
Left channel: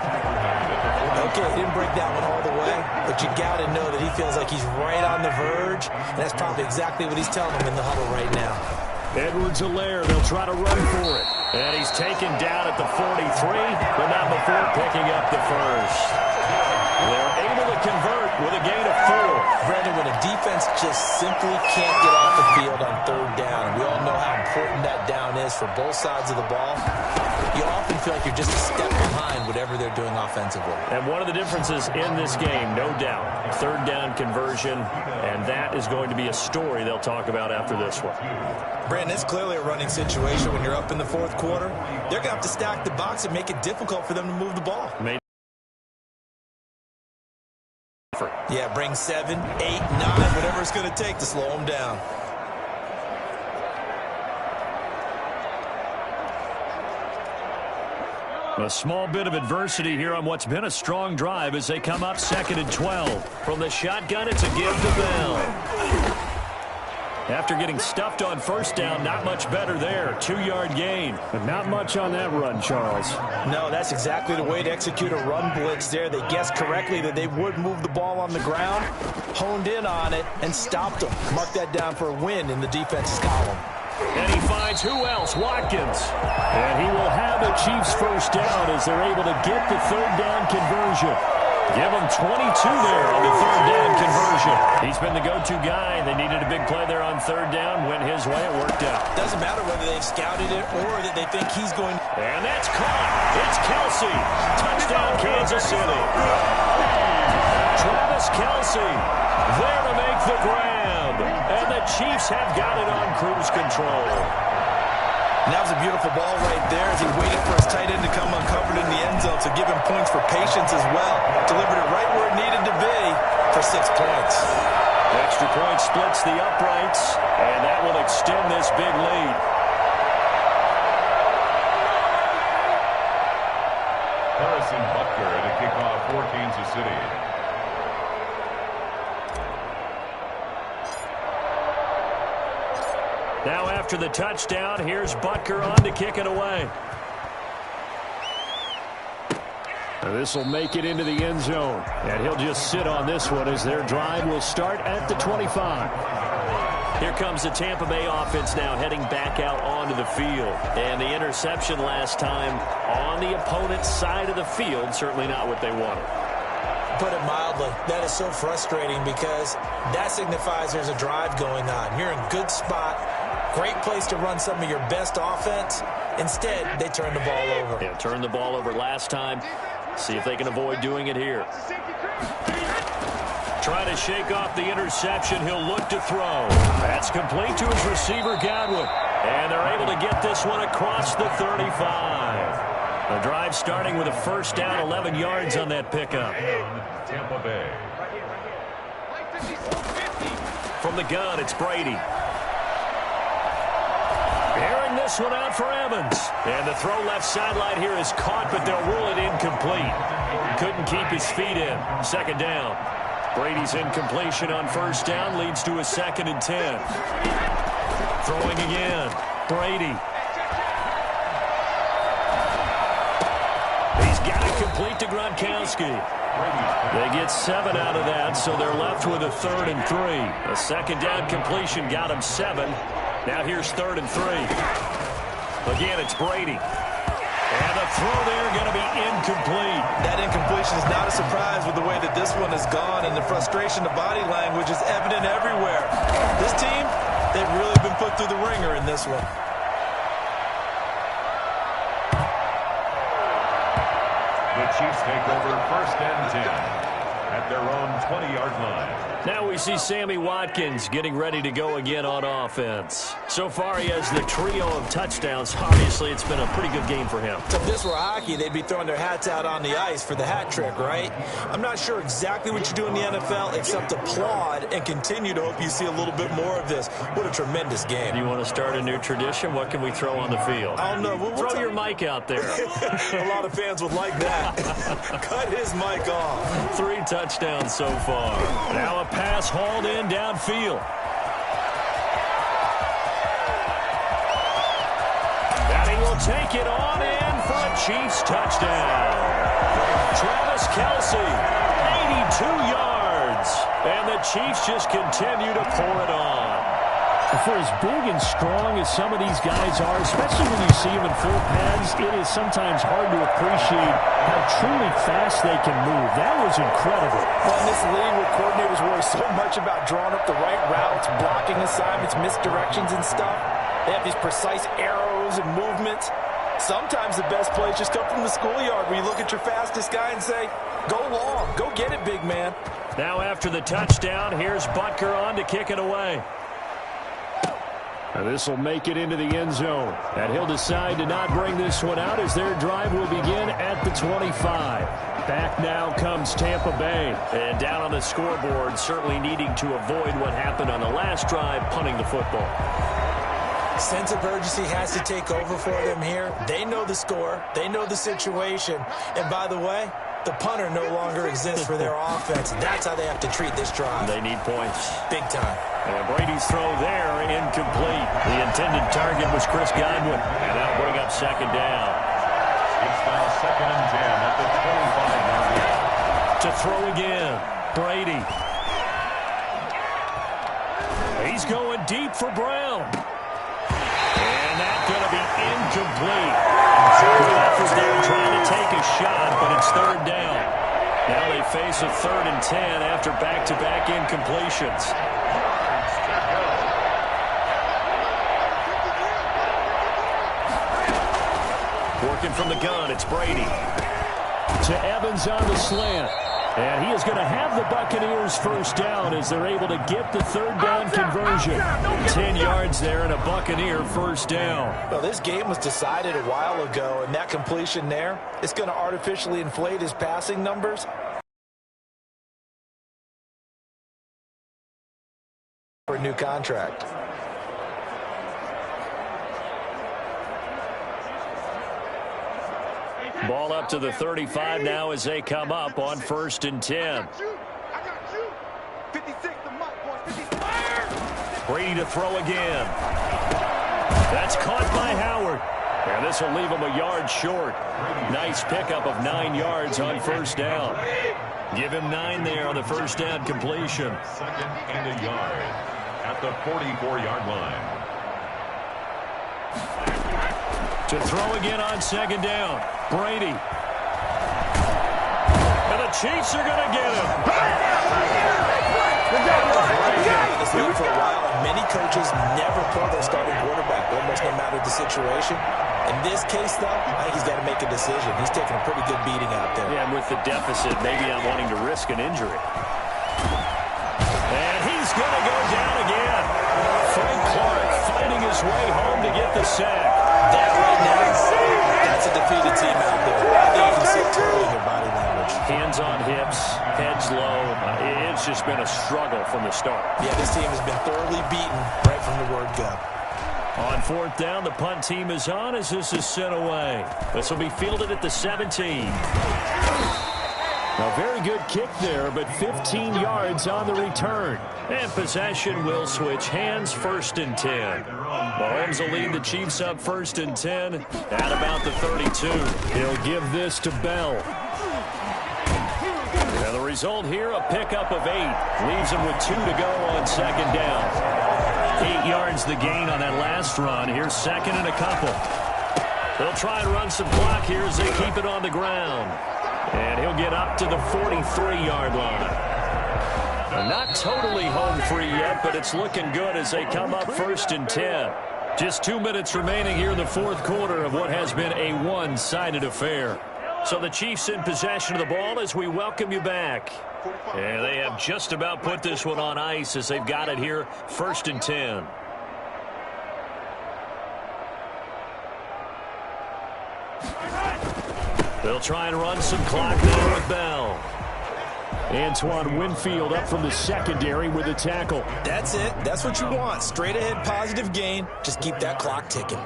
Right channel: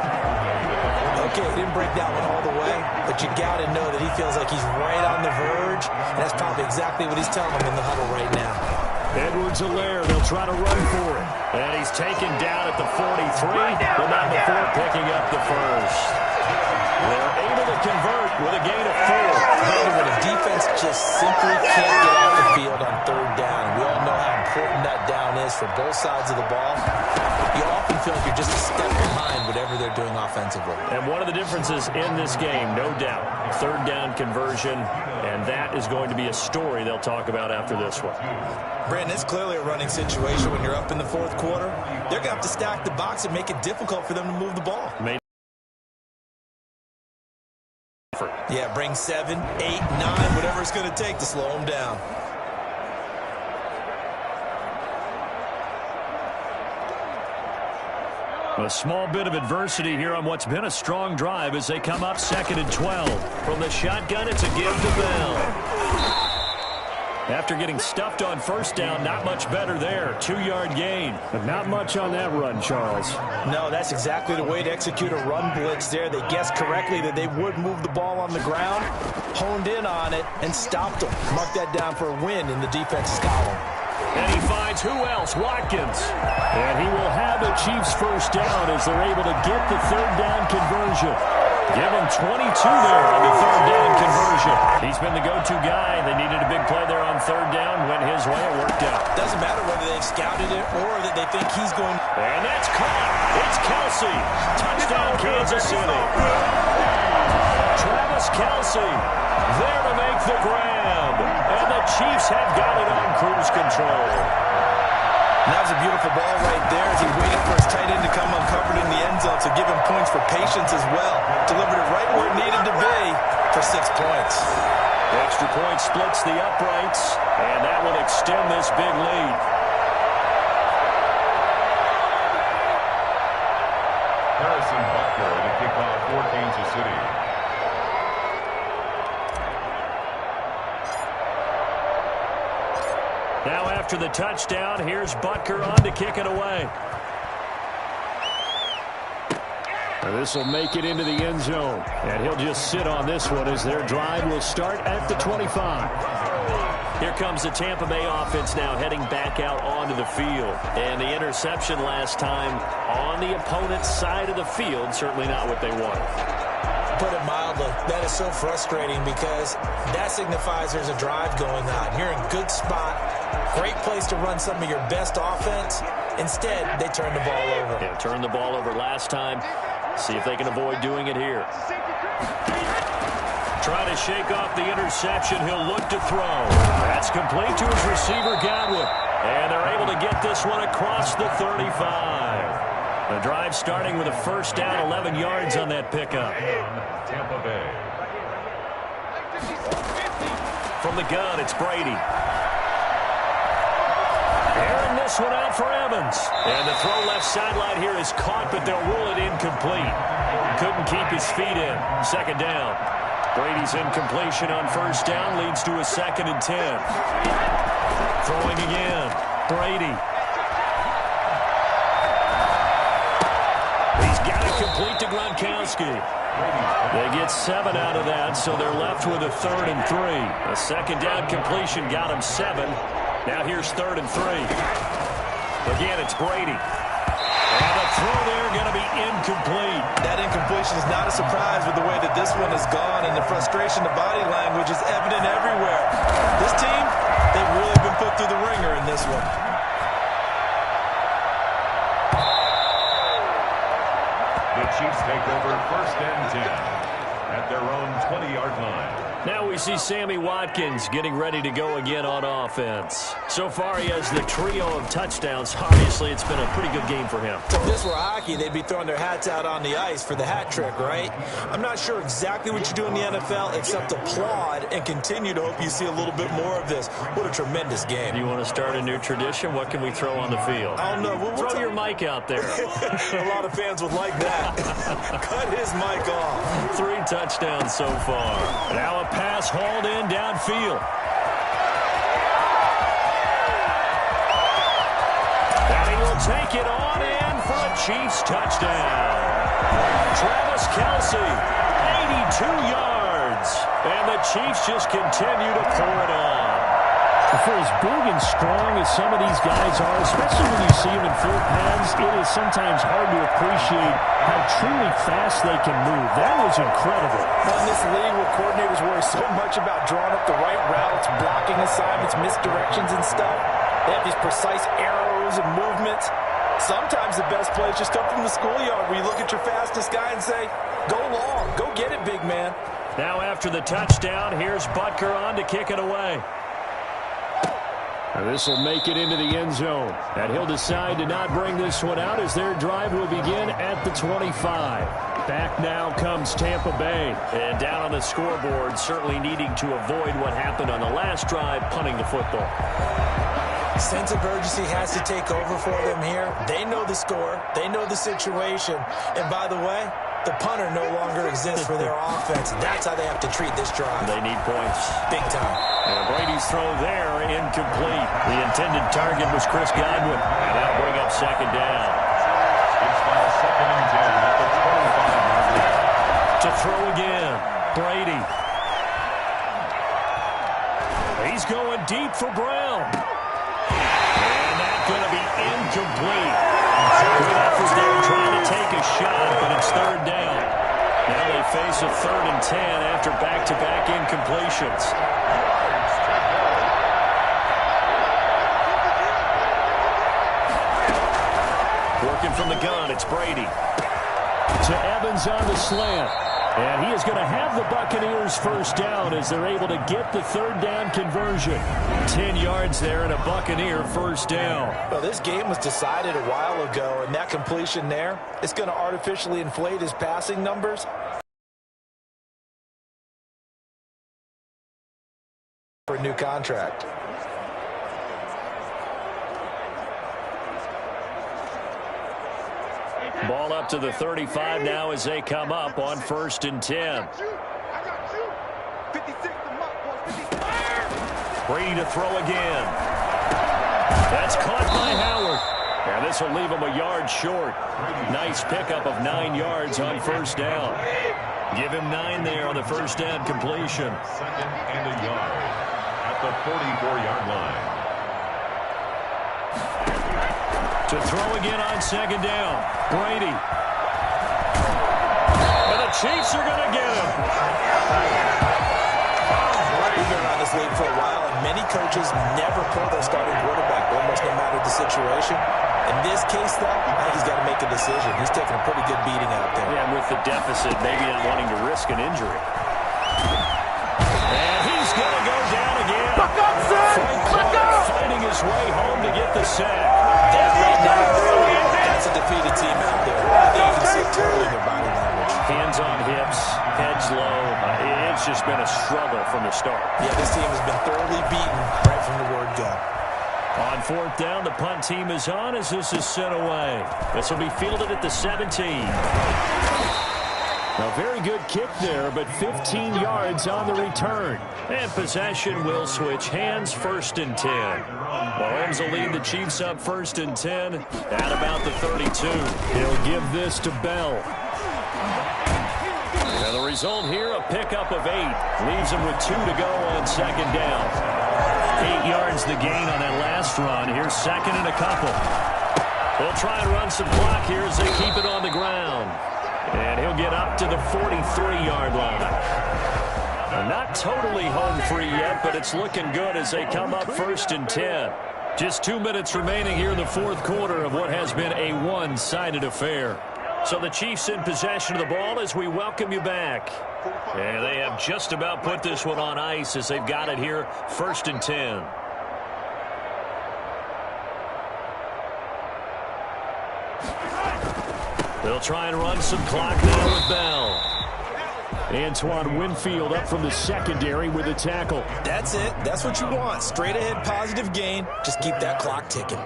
Okay, he didn't break that one all the way, but you got to know that he feels like he's right on the verge, and that's probably exactly what he's telling him in the huddle right now. Edwards-Helaire, they'll try to run for it. And he's taken down at the 43, but not before picking up the first. They're able to convert with a gain of 4. Brandon, when a defense just simply can't get off the field on 3rd down, we all know how important that down is for both sides of the ball, you often feel like you're just a step behind whatever they're doing offensively. And one of the differences in this game, no doubt, 3rd down conversion, and that is going to be a story they'll talk about after this one. Brandon, it's clearly a running situation when you're up in the 4th quarter. They're going to have to stack the box and make it difficult for them to move the ball. Yeah, bring 7, 8, 9, whatever it's going to take to slow them down. A small bit of adversity here on what's been a strong drive as they come up 2nd and 12. From the shotgun, it's a give to Bell. After getting stuffed on 1st down, not much better there. 2-yard gain. But not much on that run, Charles. No, that's exactly the way to execute a run blitz there. They guessed correctly that they would move the ball on the ground, honed in on it, and stopped them. Mark that down for a win in the defense's column. And he finds who else? Watkins. And he will have the Chiefs 1st down as they're able to get the 3rd down conversion. Give him 22 there on the 3rd down conversion. He's been the go-to guy. They needed a big play there on 3rd down. Went his way. It worked out. Doesn't matter whether they've scouted it or that they think he's going. And that's caught. It's Kelce. Touchdown, Kansas City. Travis Kelce there to make the grab. And the Chiefs have got it on cruise control. And that was a beautiful ball right there as he waited for his tight end to come uncovered in the end zone, so give him points for patience as well. Delivered it right where it needed to be for 6 points. The extra point splits the uprights, and that will extend this big lead. Harrison Butker to kick off for Kansas City. Now after the touchdown, here's Butker on to kick it away. This will make it into the end zone. And he'll just sit on this one as their drive will start at the 25. Here comes the Tampa Bay offense now heading back out onto the field. And the interception last time on the opponent's side of the field, certainly not what they wanted. put it mildly. That is so frustrating because that signifies there's a drive going on. You're in a good spot, great place to run some of your best offense. Instead, they turn the ball over. Yeah, turned the ball over last time. See if they can avoid doing it here. Trying to shake off the interception. He'll look to throw. That's complete to his receiver, Godwin. And they're able to get this one across the 35. The drive starting with a first down, 11 yards on that pickup. Tampa Bay. From the gun, it's Brady. Airing this one out for Evans. And the throw left sideline here is caught, but they'll rule it incomplete. Couldn't keep his feet in. Second down. Brady's incompletion on first down leads to a 2nd and 10. Throwing again. Brady. He's got it complete to Gronkowski. They get 7 out of that, so they're left with a 3rd and 3. A second down completion got him 7. Now here's 3rd and 3. Again, it's Brady. And the throw there going to be incomplete. That incompletion is not a surprise with the way that this one has gone, and the frustration, the body language is evident everywhere. This team, they've really been put through the ringer in this one. The Chiefs take over 1st and 10 at their own 20-yard line. Now we see Sammy Watkins getting ready to go again on offense. So far he has the trio of touchdowns. Obviously it's been a pretty good game for him. If this were hockey, they'd be throwing their hats out on the ice for the hat trick, right? I'm not sure exactly what you do in the NFL except applaud and continue to hope you see a little bit more of this. What a tremendous game. You want to start a new tradition? What can we throw on the field? I don't know. We'll throw your mic out there. A lot of fans would like that. Cut his mic off. 3 touchdowns so far. Now a pass hauled in downfield. And he will take it on in for a Chiefs touchdown. Travis Kelce, 82 yards. And the Chiefs just continue to pour it on. For as big and strong as some of these guys are, especially when you see them in full pads, it is sometimes hard to appreciate how truly fast they can move. That was incredible. Well, in this league where coordinators worry so much about drawing up the right routes, blocking assignments, misdirections and stuff, they have these precise arrows and movements. Sometimes the best plays just come from the schoolyard where you look at your fastest guy and say, go long, go get it, big man. Now after the touchdown, here's Butker on to kick it away. This will make it into the end zone. And he'll decide to not bring this one out as their drive will begin at the 25. Back now comes Tampa Bay. And down on the scoreboard, certainly needing to avoid what happened on the last drive, punting the football. Sense of urgency has to take over for them here. They know the score. They know the situation. And by the way, the punter no longer exists for their offense. That's how they have to treat this drive. They need points. Big time. And Brady's throw there, incomplete. The intended target was Chris Godwin. And that'll bring up 2nd down. It's now 2nd and 10 at the 25-yard line. To throw again, Brady. He's going deep for Brown. And that's going to be incomplete. Good effort there trying to take a shot, but it's 3rd down. Now they face a 3rd and 10 after back-to-back incompletions. Working from the gun, it's Brady. To Evans on the slant. And he is going to have the Buccaneers first down as they're able to get the 3rd down conversion. 10 yards there and a Buccaneer first down. Well, this game was decided a while ago, and that completion there, it's going to artificially inflate his passing numbers for a new contract. Ball up to the 35 now as they come up on 1st and 10. Brady to throw again. That's caught by Howard. And this will leave him a yard short. Nice pickup of 9 yards on first down. Give him 9 there on the first down completion. 2nd and a yard at the 44-yard line. To throw again on 2nd down. Brady. And the Chiefs are going to get him. We've been around this league for a while, and many coaches never pull their starting quarterback, almost no matter the situation. In this case, though, I think he's got to make a decision. He's taking a pretty good beating out there. Yeah, and with the deficit, maybe not wanting to risk an injury. And he's going to go down again. Frank Clark fighting his way home to get the sack. That right now, that's a defeated team out there. I think you can see it totally in their body language. Hands on hips, heads low. It's just been a struggle from the start. Yeah, this team has been thoroughly beaten right from the word go. On fourth down, the punt team is on as this is sent away. This will be fielded at the 17. A very good kick there, but 15 yards on the return. And possession will switch hands, 1st and 10. Mahomes will lead the Chiefs up 1st and 10 at about the 32. He'll give this to Bell. And the result here, a pickup of 8. Leaves him with 2 to go on 2nd down. 8 yards the gain on that last run. Here's 2nd and a couple. They'll try and run some clock here as they keep it on the ground. And he'll get up to the 43-yard line. Not totally home free yet, but it's looking good as they come up 1st and 10. Just 2 minutes remaining here in the 4th quarter of what has been a one-sided affair. So the Chiefs in possession of the ball as we welcome you back. And they have just about put this one on ice as they've got it here, 1st and 10. They'll try and run some clock there with Bell. Antoine Winfield up from the secondary with a tackle. That's it. That's what you want. Straight ahead positive gain. Just keep that clock ticking.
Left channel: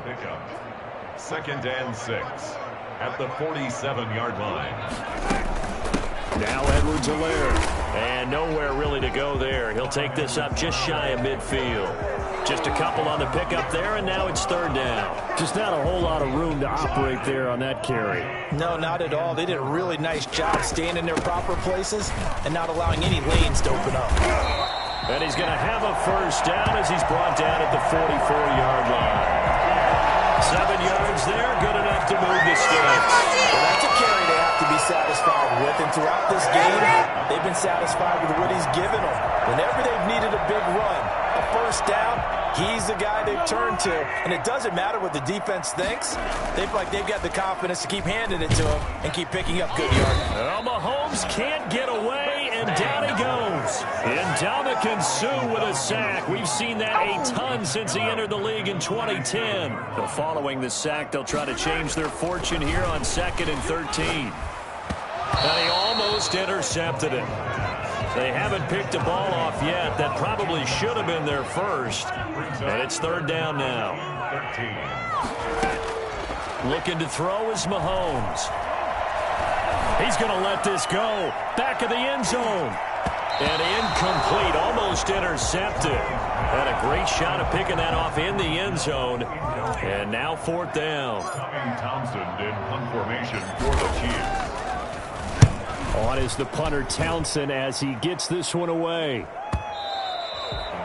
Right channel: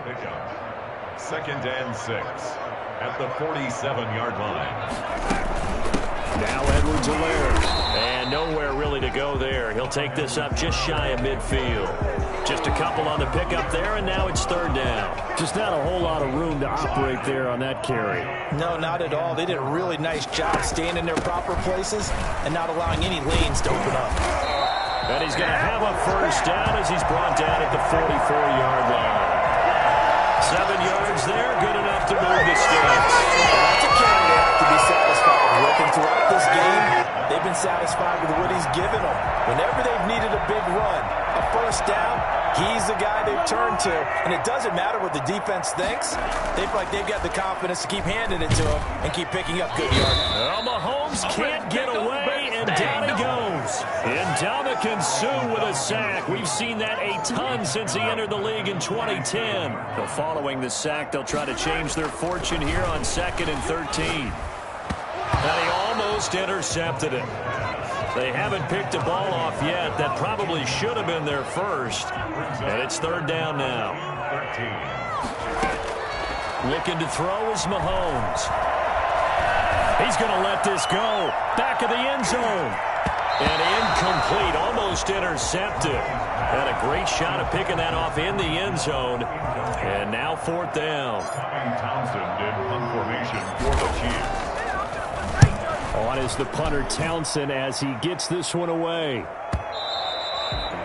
2nd and 6 at the 47-yard line. Now Edwards-Helaire. And nowhere really to go there. He'll take this up just shy of midfield. Just a couple on the pickup there, and now it's 3rd down. Just not a whole lot of room to operate there on that carry. No, not at all. They did a really nice job staying in their proper places and not allowing any lanes to open up. And he's going to have a 1st down as he's brought down at the 44-yard line. 7 yards there, good enough to move the sticks. Well, that's a carry they have to be satisfied with. And throughout this game, they've been satisfied with what he's given them. Whenever they've needed a big run, a 1st down, he's the guy they've turned to. And it doesn't matter what the defense thinks. They feel like they've got the confidence to keep handing it to him and keep picking up good yards. Well, Mahomes can't get away, and down he goes. Ndamukong Suh with a sack. We've seen that a ton since he entered the league in 2010. So following the sack, they'll try to change their fortune here on 2nd and 13. And he almost intercepted it. They haven't picked a ball off yet. That probably should have been their first. And it's 3rd down now. 13. Looking to throw is Mahomes. He's going to let this go. Back of the end zone. And incomplete, almost intercepted. Had a great shot of picking that off in the end zone. And now 4th down. Townsend in punt formation for the Chiefs. On is the punter Townsend as he gets this one away.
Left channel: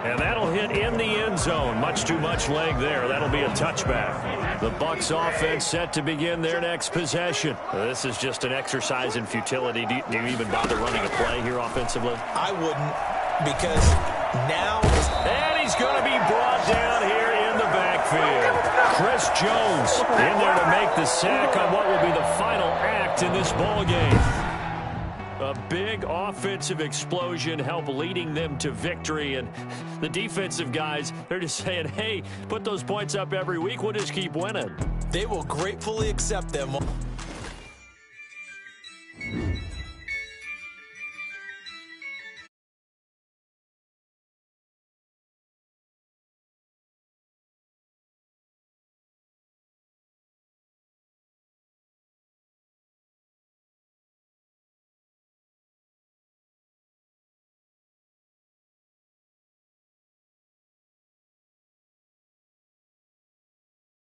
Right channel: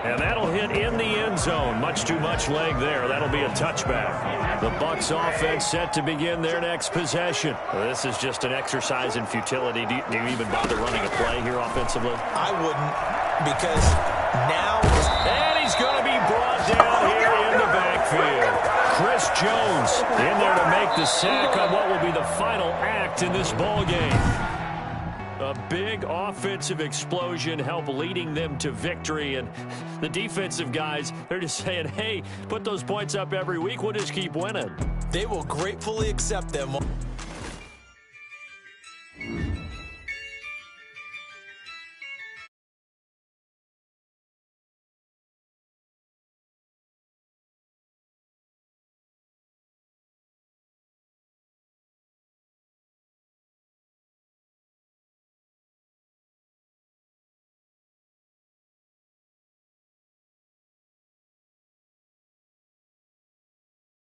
And that'll hit in the end zone. Much too much leg there. That'll be a touchback. The Bucs offense set to begin their next possession. This is just an exercise in futility. Do you even bother running a play here offensively? I wouldn't, because now... And he's going to be brought down here in the backfield. Chris Jones in there to make the sack on what will be the final act in this ball game. A big offensive explosion help leading them to victory. And the defensive guys, they're just saying, hey, put those points up every week. We'll just keep winning. They will gratefully accept them.